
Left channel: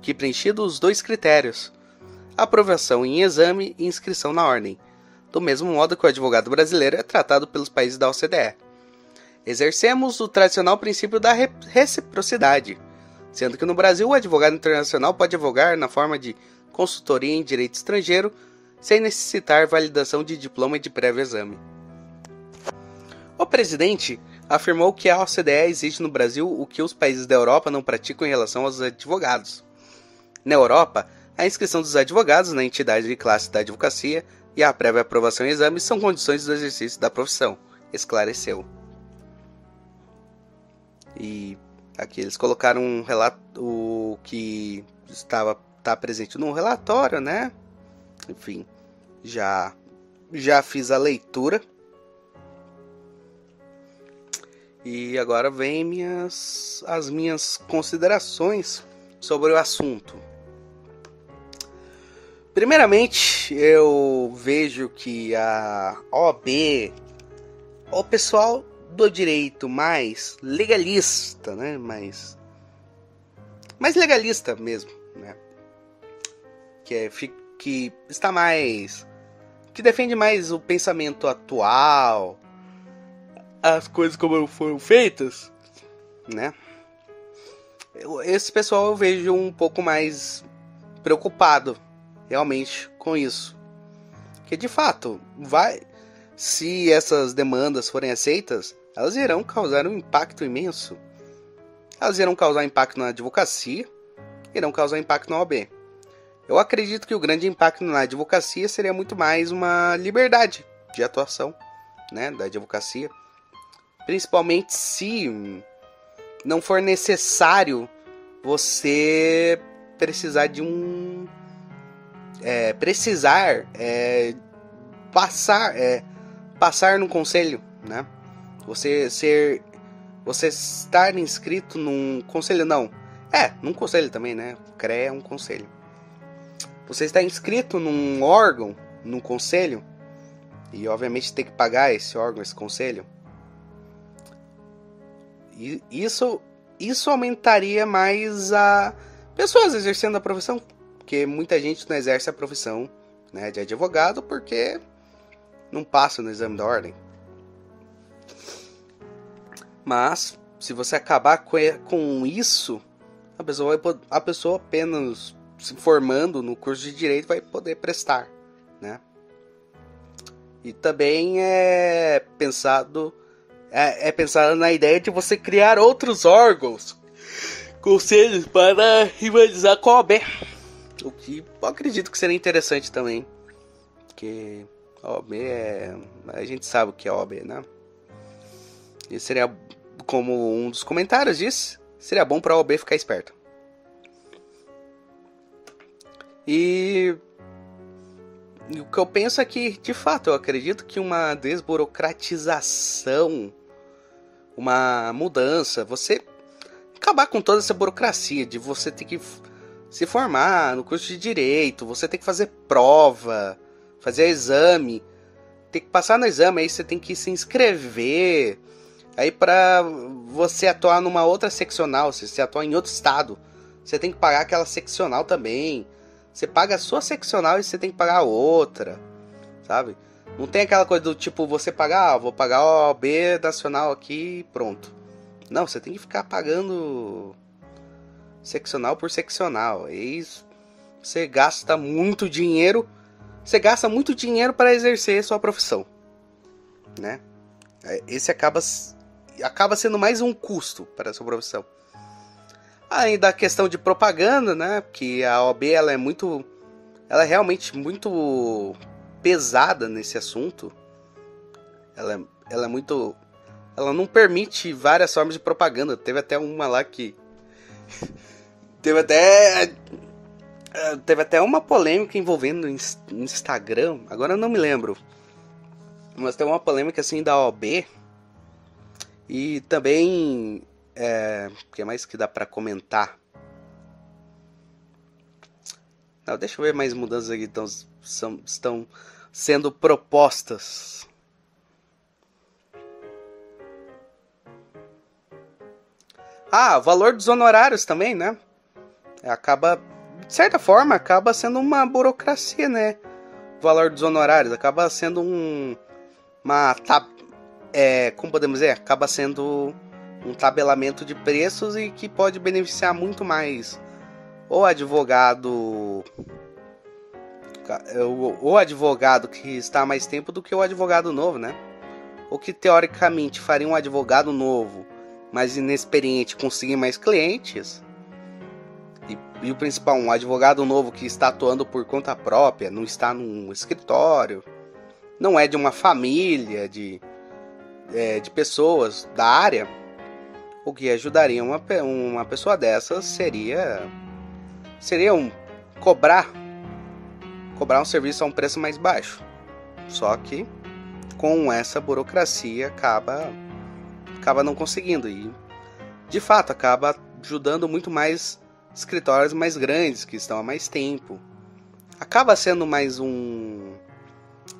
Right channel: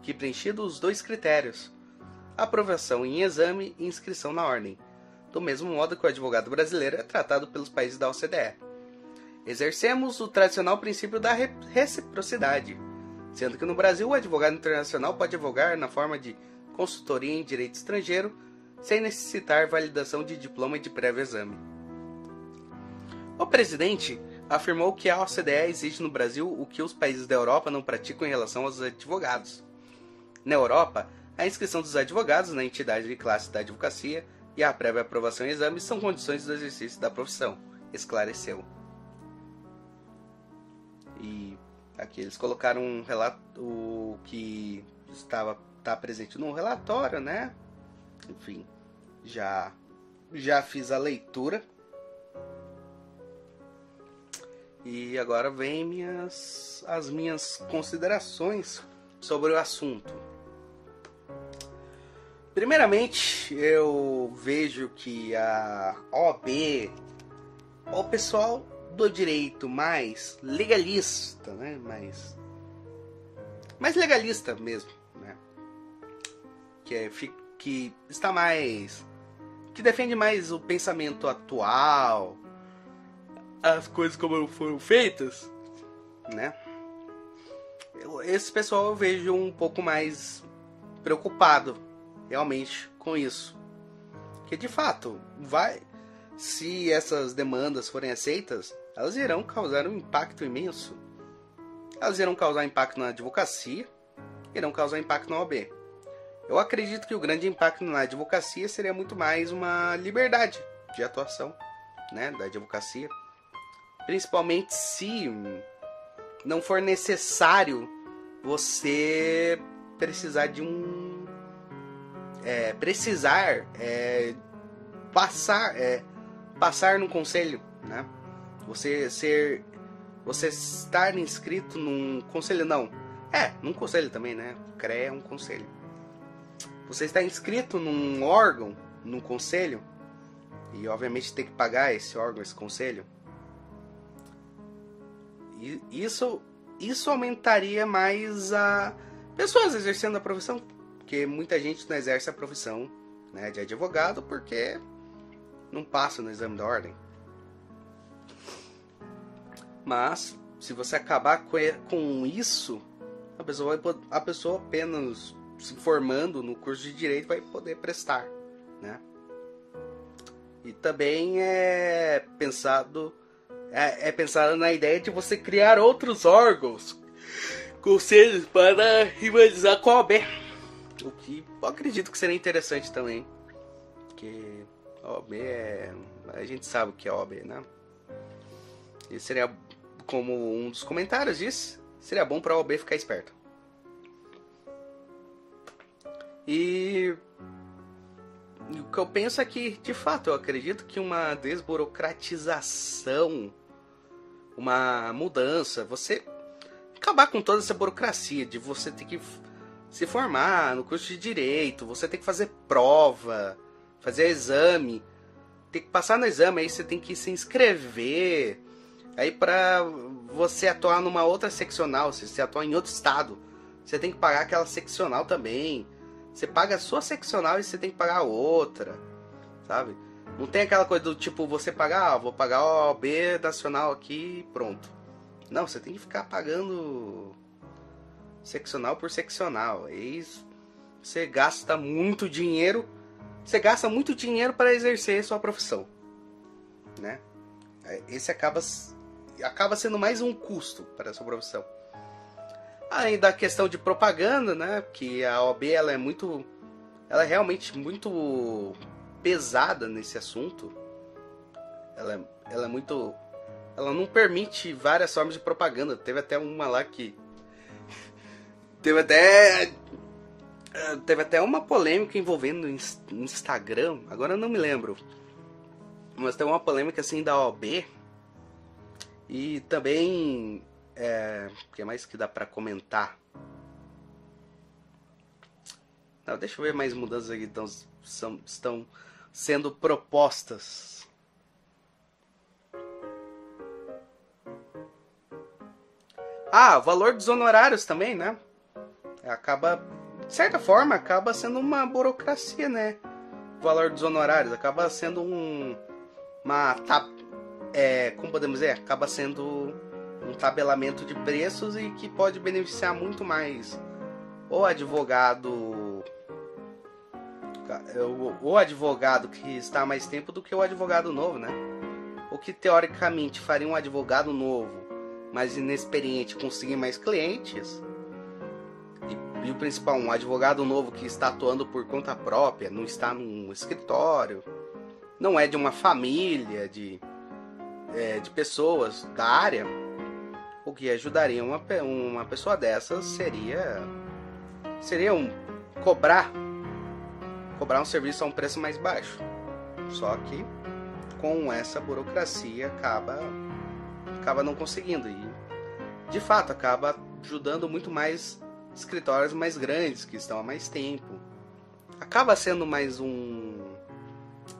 que preenchidos os dois critérios: aprovação em exame e inscrição na ordem, do mesmo modo que o advogado brasileiro é tratado pelos países da OCDE. Exercemos o tradicional princípio da reciprocidade, sendo que no Brasil o advogado internacional pode advogar na forma de consultoria em direito estrangeiro, sem necessitar validação de diploma e de prévio exame. O presidente afirmou que a OCDE exige no Brasil o que os países da Europa não praticam em relação aos advogados. Na Europa, a inscrição dos advogados na entidade de classe da advocacia e a prévia aprovação em exame são condições do exercício da profissão, esclareceu. E aqui eles colocaram um relato, o que está presente no relatório, né? Enfim, já fiz a leitura. E agora vem as minhas considerações sobre o assunto. Primeiramente, eu vejo que a OAB, o pessoal do direito mais legalista, né? Mais legalista mesmo, né? Que está mais, que defende mais o pensamento atual, as coisas como foram feitas, né? Esse pessoal eu vejo um pouco mais preocupado realmente com isso. Que de fato, se essas demandas forem aceitas, elas irão causar um impacto imenso. Elas irão causar impacto na advocacia, irão causar impacto na OAB. Eu acredito que o grande impacto na advocacia seria muito mais uma liberdade de atuação, né, da advocacia. Principalmente se não for necessário você precisar de passar no conselho, né? Você estar inscrito num conselho, num conselho também, né? CREA é um conselho. Você está inscrito num órgão, num conselho, e obviamente tem que pagar esse órgão, esse conselho. E isso aumentaria mais a pessoas exercendo a profissão, porque muita gente não exerce a profissão, né, de advogado porque não passa no exame da ordem. Mas se você acabar com isso, a pessoa apenas se formando no curso de direito vai poder prestar, né? E também é pensado na ideia de você criar outros órgãos, conselhos, para rivalizar com a OAB. O que eu acredito que seria interessante também. Porque a OAB a gente sabe o que é a OAB, né? E seria, como um dos comentários disse, seria bom para a OAB ficar esperta. E o que eu penso é que, de fato, eu acredito que uma desburocratização, uma mudança, você acabar com toda essa burocracia de você ter que se formar no curso de direito, você tem que fazer prova, fazer exame, tem que passar no exame, aí você tem que se inscrever, aí para você atuar numa outra seccional, se você atuar em outro estado, você tem que pagar aquela seccional também. Você paga a sua seccional e você tem que pagar a outra, sabe? Não tem aquela coisa do tipo, você pagar, vou pagar a OAB nacional aqui e pronto. Não, você tem que ficar pagando seccional por seccional. E você gasta muito dinheiro. Você gasta muito dinheiro para exercer sua profissão, né? Esse acaba sendo mais um custo para a sua profissão. Além da questão de propaganda, né? Que a OAB ela é realmente muito pesada nesse assunto. Ela não permite várias formas de propaganda. Teve até uma lá que teve até uma polêmica envolvendo Instagram. Agora eu não me lembro, mas tem uma polêmica assim da OAB. E também o que mais que dá pra comentar? Não, deixa eu ver mais mudanças aqui que estão sendo propostas. O valor dos honorários também, né? De certa forma, acaba sendo uma burocracia, né? O valor dos honorários acaba sendo como podemos dizer? Acaba sendo um tabelamento de preços e que pode beneficiar muito mais o advogado que está há mais tempo do que o advogado novo, né? O que teoricamente faria um advogado novo, mais inexperiente, conseguir mais clientes. E o principal, um advogado novo que está atuando por conta própria, não está num escritório, não é de uma família de pessoas da área. O que ajudaria uma pessoa dessas seria cobrar um serviço a um preço mais baixo. Só que com essa burocracia acaba não conseguindo, e de fato acaba ajudando muito mais escritórios mais grandes que estão há mais tempo. Acaba sendo mais um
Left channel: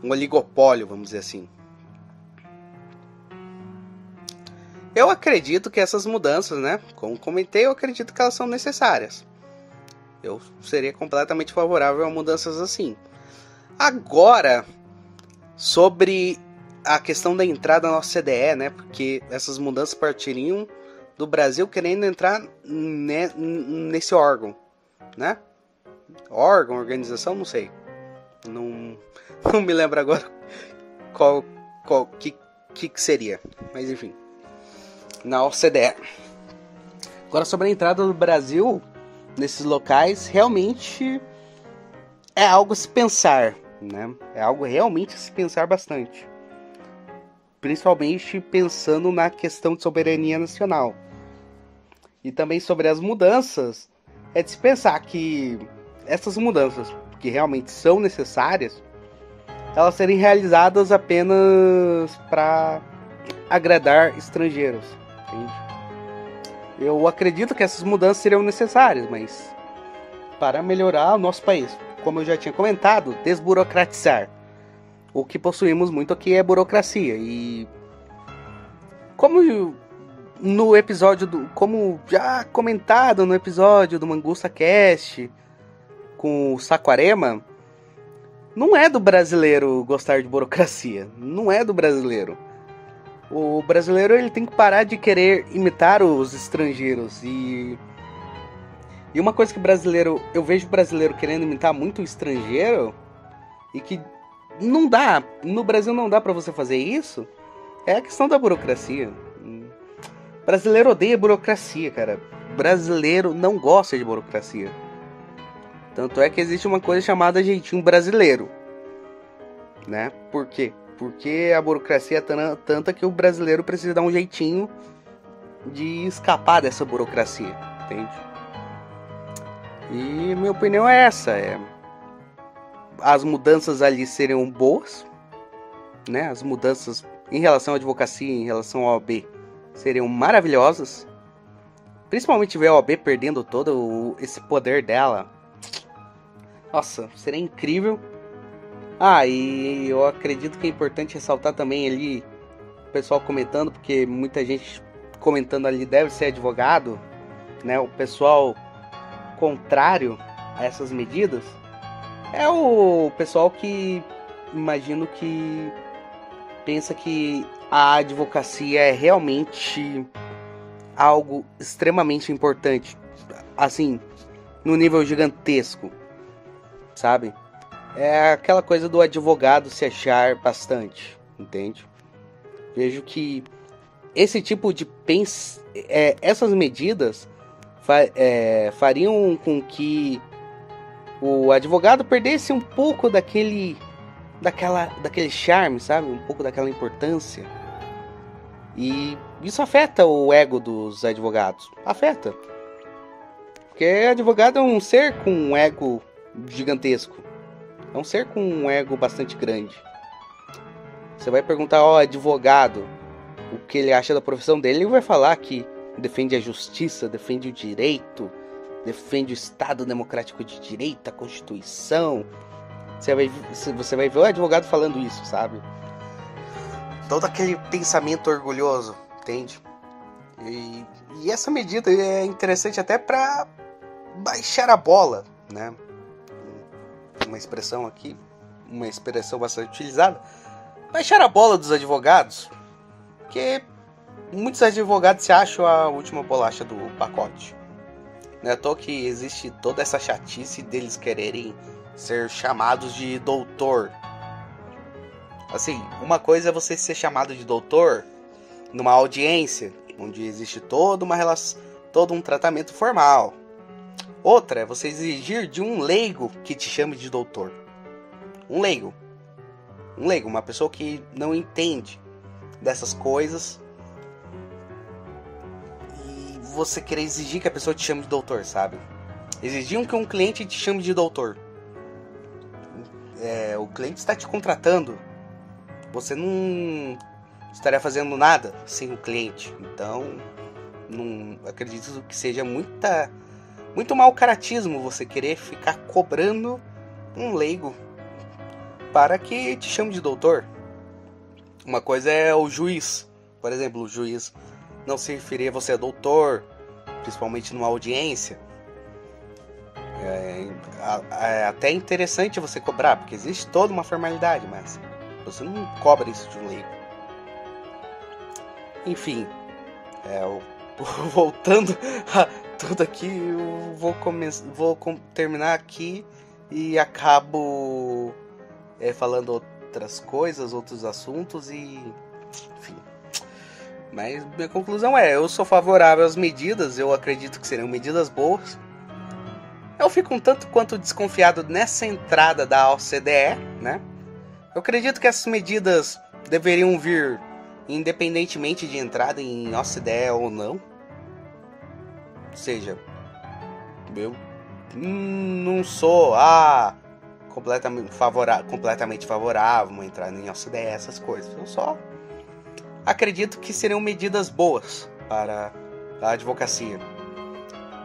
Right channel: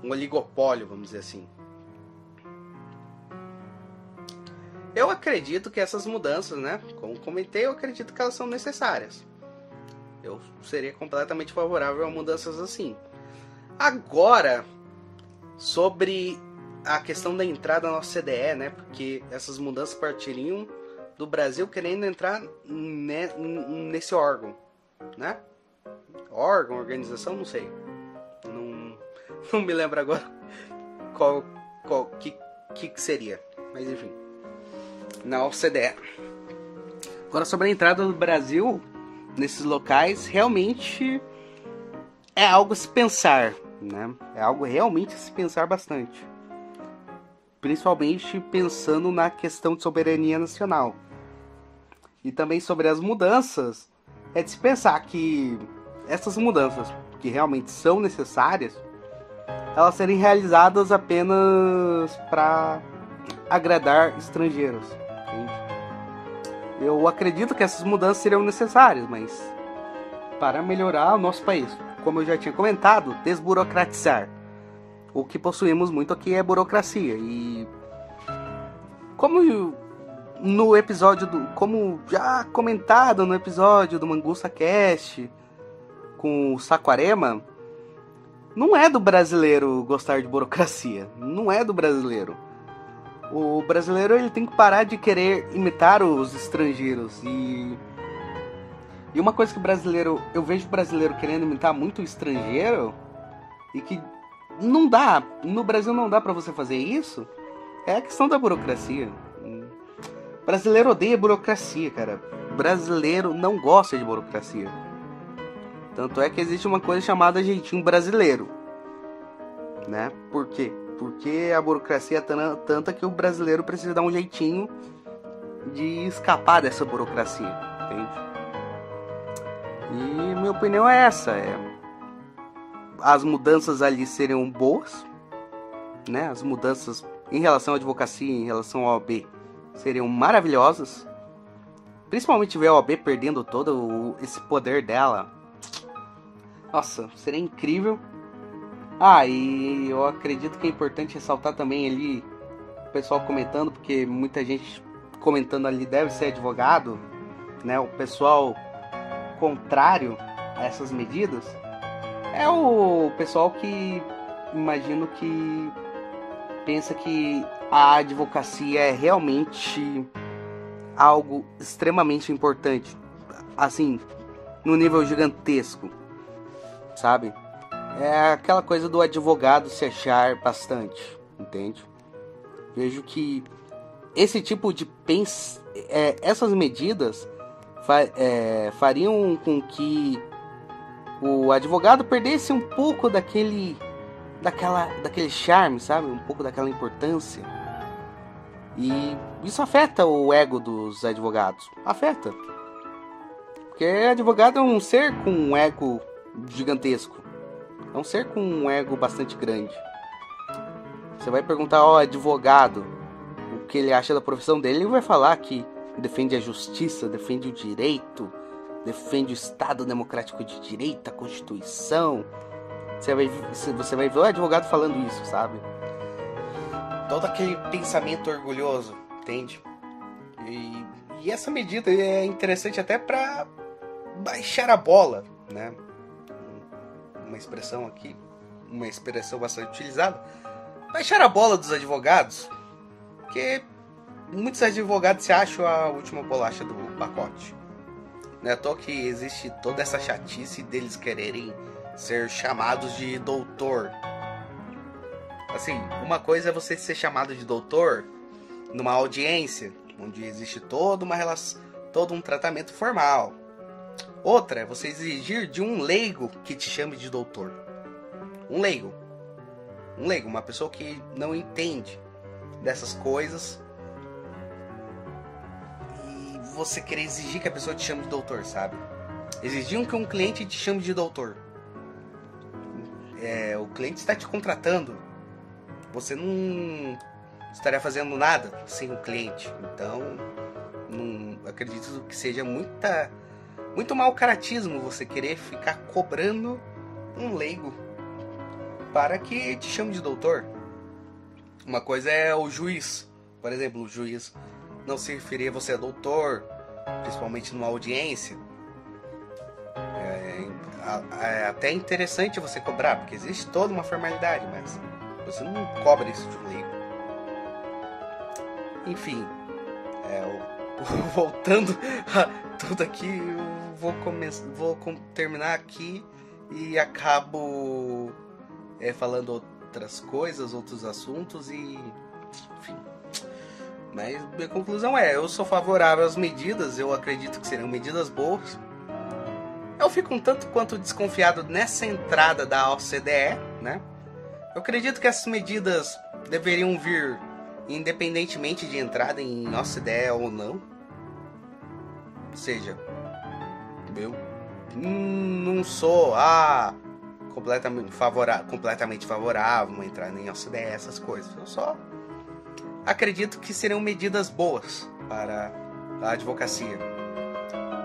oligopólio, vamos dizer assim. Eu acredito que essas mudanças, né, como comentei, eu acredito que elas são necessárias. Eu seria completamente favorável a mudanças assim. Agora, sobre a questão da entrada na OCDE, né, porque essas mudanças partiriam do Brasil querendo entrar nesse órgão, né? Órgão, organização, não sei. Não me lembro agora qual que seria, mas enfim. Na OCDE. Agora, sobre a entrada do Brasil nesses locais, realmente é algo a se pensar, né? É algo realmente a se pensar bastante. Principalmente pensando na questão de soberania nacional. E também sobre as mudanças, é de se pensar que essas mudanças, que realmente são necessárias, elas serem realizadas apenas para agradar estrangeiros. Entende? Eu acredito que essas mudanças seriam necessárias, mas para melhorar o nosso país, como eu já tinha comentado, desburocratizar. O que possuímos muito aqui é burocracia. E como já comentado no episódio do Mangusta Cast com o Saquarema, não é do brasileiro gostar de burocracia. Não é do brasileiro. O brasileiro ele tem que parar de querer imitar os estrangeiros. E uma coisa que eu vejo o brasileiro querendo imitar muito o estrangeiro, e que não dá, no Brasil não dá pra você fazer isso, é a questão da burocracia. Brasileiro odeia burocracia, cara. Brasileiro não gosta de burocracia. Tanto é que existe uma coisa chamada jeitinho brasileiro, né? Por quê? Porque a burocracia é tanta que o brasileiro precisa dar um jeitinho de escapar dessa burocracia, entende? E minha opinião é essa. As mudanças ali seriam boas, né? As mudanças em relação à advocacia, em relação ao OAB, seriam maravilhosas. Principalmente ver a OAB perdendo todo esse poder dela. Nossa, seria incrível. E eu acredito que é importante ressaltar também ali o pessoal comentando, porque muita gente comentando ali deve ser advogado, né? O pessoal contrário a essas medidas é o pessoal que imagino que pensa que a advocacia é realmente algo extremamente importante. assim, num nível gigantesco, sabe? É aquela coisa do advogado se achar bastante, entende? Vejo que esse tipo de essas medidas fariam com que o advogado perdesse um pouco daquele charme, sabe? Um pouco daquela importância. E isso afeta o ego dos advogados. Afeta. Porque advogado é um ser com um ego gigantesco. É um ser com um ego bastante grande. Você vai perguntar ao advogado o que ele acha da profissão dele, ele vai falar que defende a justiça, defende o direito, defende o Estado Democrático de Direito, a Constituição. Você vai ver o advogado falando isso, sabe? Todo aquele pensamento orgulhoso, entende? E essa medida é interessante até para baixar a bola, né? Uma expressão aqui, uma expressão bastante utilizada. Baixar a bola dos advogados, porque muitos advogados se acham a última bolacha do pacote. Não é à toa que existe toda essa chatice deles quererem ser chamados de doutor. Assim, uma coisa é você ser chamado de doutor numa audiência, onde existe toda uma relação, todo um tratamento formal. Outra é você exigir de um leigo que te chame de doutor. Um leigo, uma pessoa que não entende dessas coisas. E você querer exigir que a pessoa te chame de doutor, sabe? Exigir que um cliente te chame de doutor. O cliente está te contratando. Você não estaria fazendo nada sem o cliente. Então, não acredito que seja muito mau caratismo você querer ficar cobrando um leigo para que te chame de doutor. Uma coisa é o juiz. Por exemplo, o juiz não se referir a você a doutor, principalmente numa audiência. É até interessante você cobrar, porque existe toda uma formalidade, mas você não cobra isso de um leigo. Enfim, voltando a tudo aqui, eu vou terminar aqui e acabo falando outras coisas, outros assuntos e... enfim. Mas minha conclusão eu sou favorável às medidas, eu acredito que seriam medidas boas. Eu fico um tanto quanto desconfiado nessa entrada da OCDE, né? Eu acredito que essas medidas deveriam vir independentemente de entrada em OCDE ou não. Ou seja, eu não sou completamente favorável a entrar em OCDE, essas coisas. Eu só acredito que seriam medidas boas para a advocacia.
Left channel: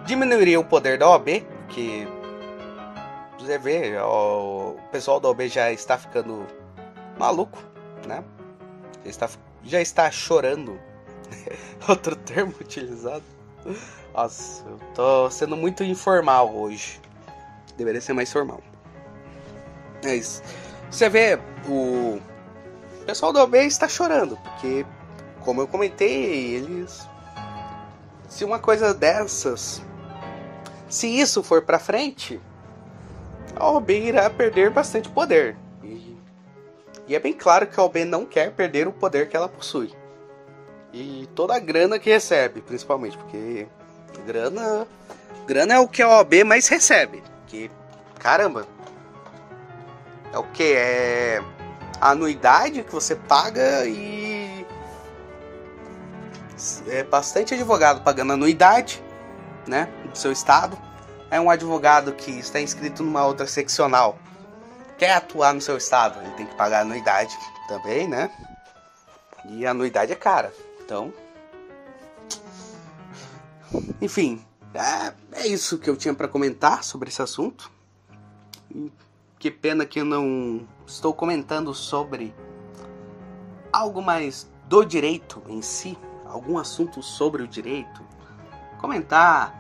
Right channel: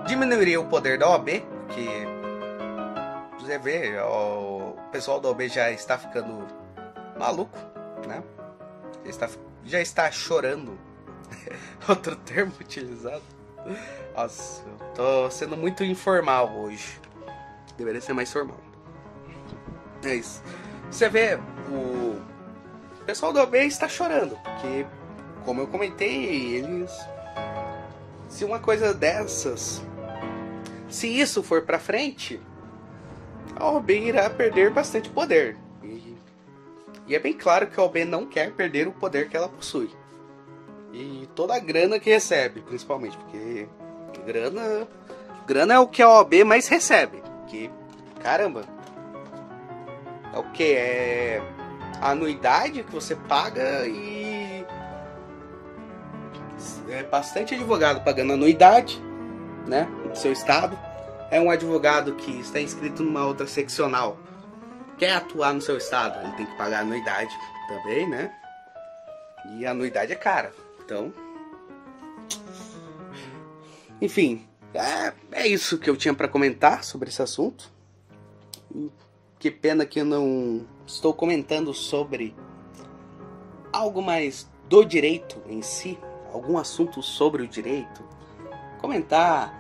Diminuiria o poder da OAB, que você vê, o pessoal da OAB já está ficando maluco, né? Já está chorando. Outro termo utilizado. Nossa, eu tô sendo muito informal hoje. Deveria ser mais formal. É isso. Você vê, o pessoal da OAB está chorando, porque, como eu comentei, se uma coisa dessas, se isso for pra frente, a OAB irá perder bastante poder. E é bem claro que a OAB não quer perder o poder que ela possui. E toda a grana que recebe, principalmente, porque grana é o que a OAB mais recebe. Que, caramba, é o que? É a anuidade que você paga e... é bastante advogado pagando anuidade, né, do seu estado. É um advogado que está inscrito numa outra seccional, quer atuar no seu estado, ele tem que pagar anuidade também, né? E a anuidade é cara. Então, enfim, é isso que eu tinha para comentar sobre esse assunto. Que pena que eu não estou comentando sobre algo mais do direito em si, algum assunto sobre o direito. Comentar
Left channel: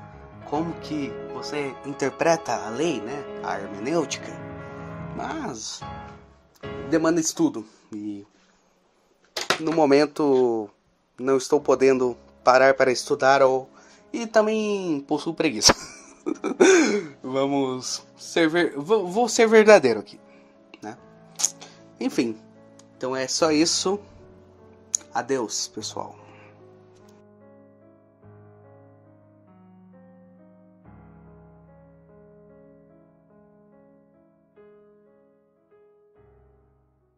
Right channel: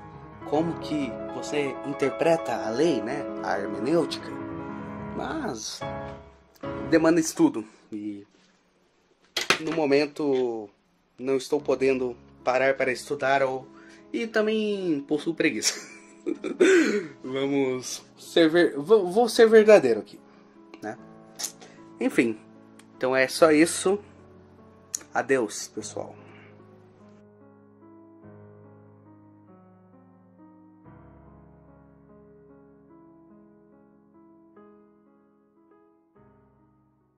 como que você interpreta a lei, né? A hermenêutica. Mas demanda estudo e no momento não estou podendo parar para estudar e também possuo preguiça. Vamos ser vou ser verdadeiro aqui, né? Enfim, então é só isso. Adeus, pessoal.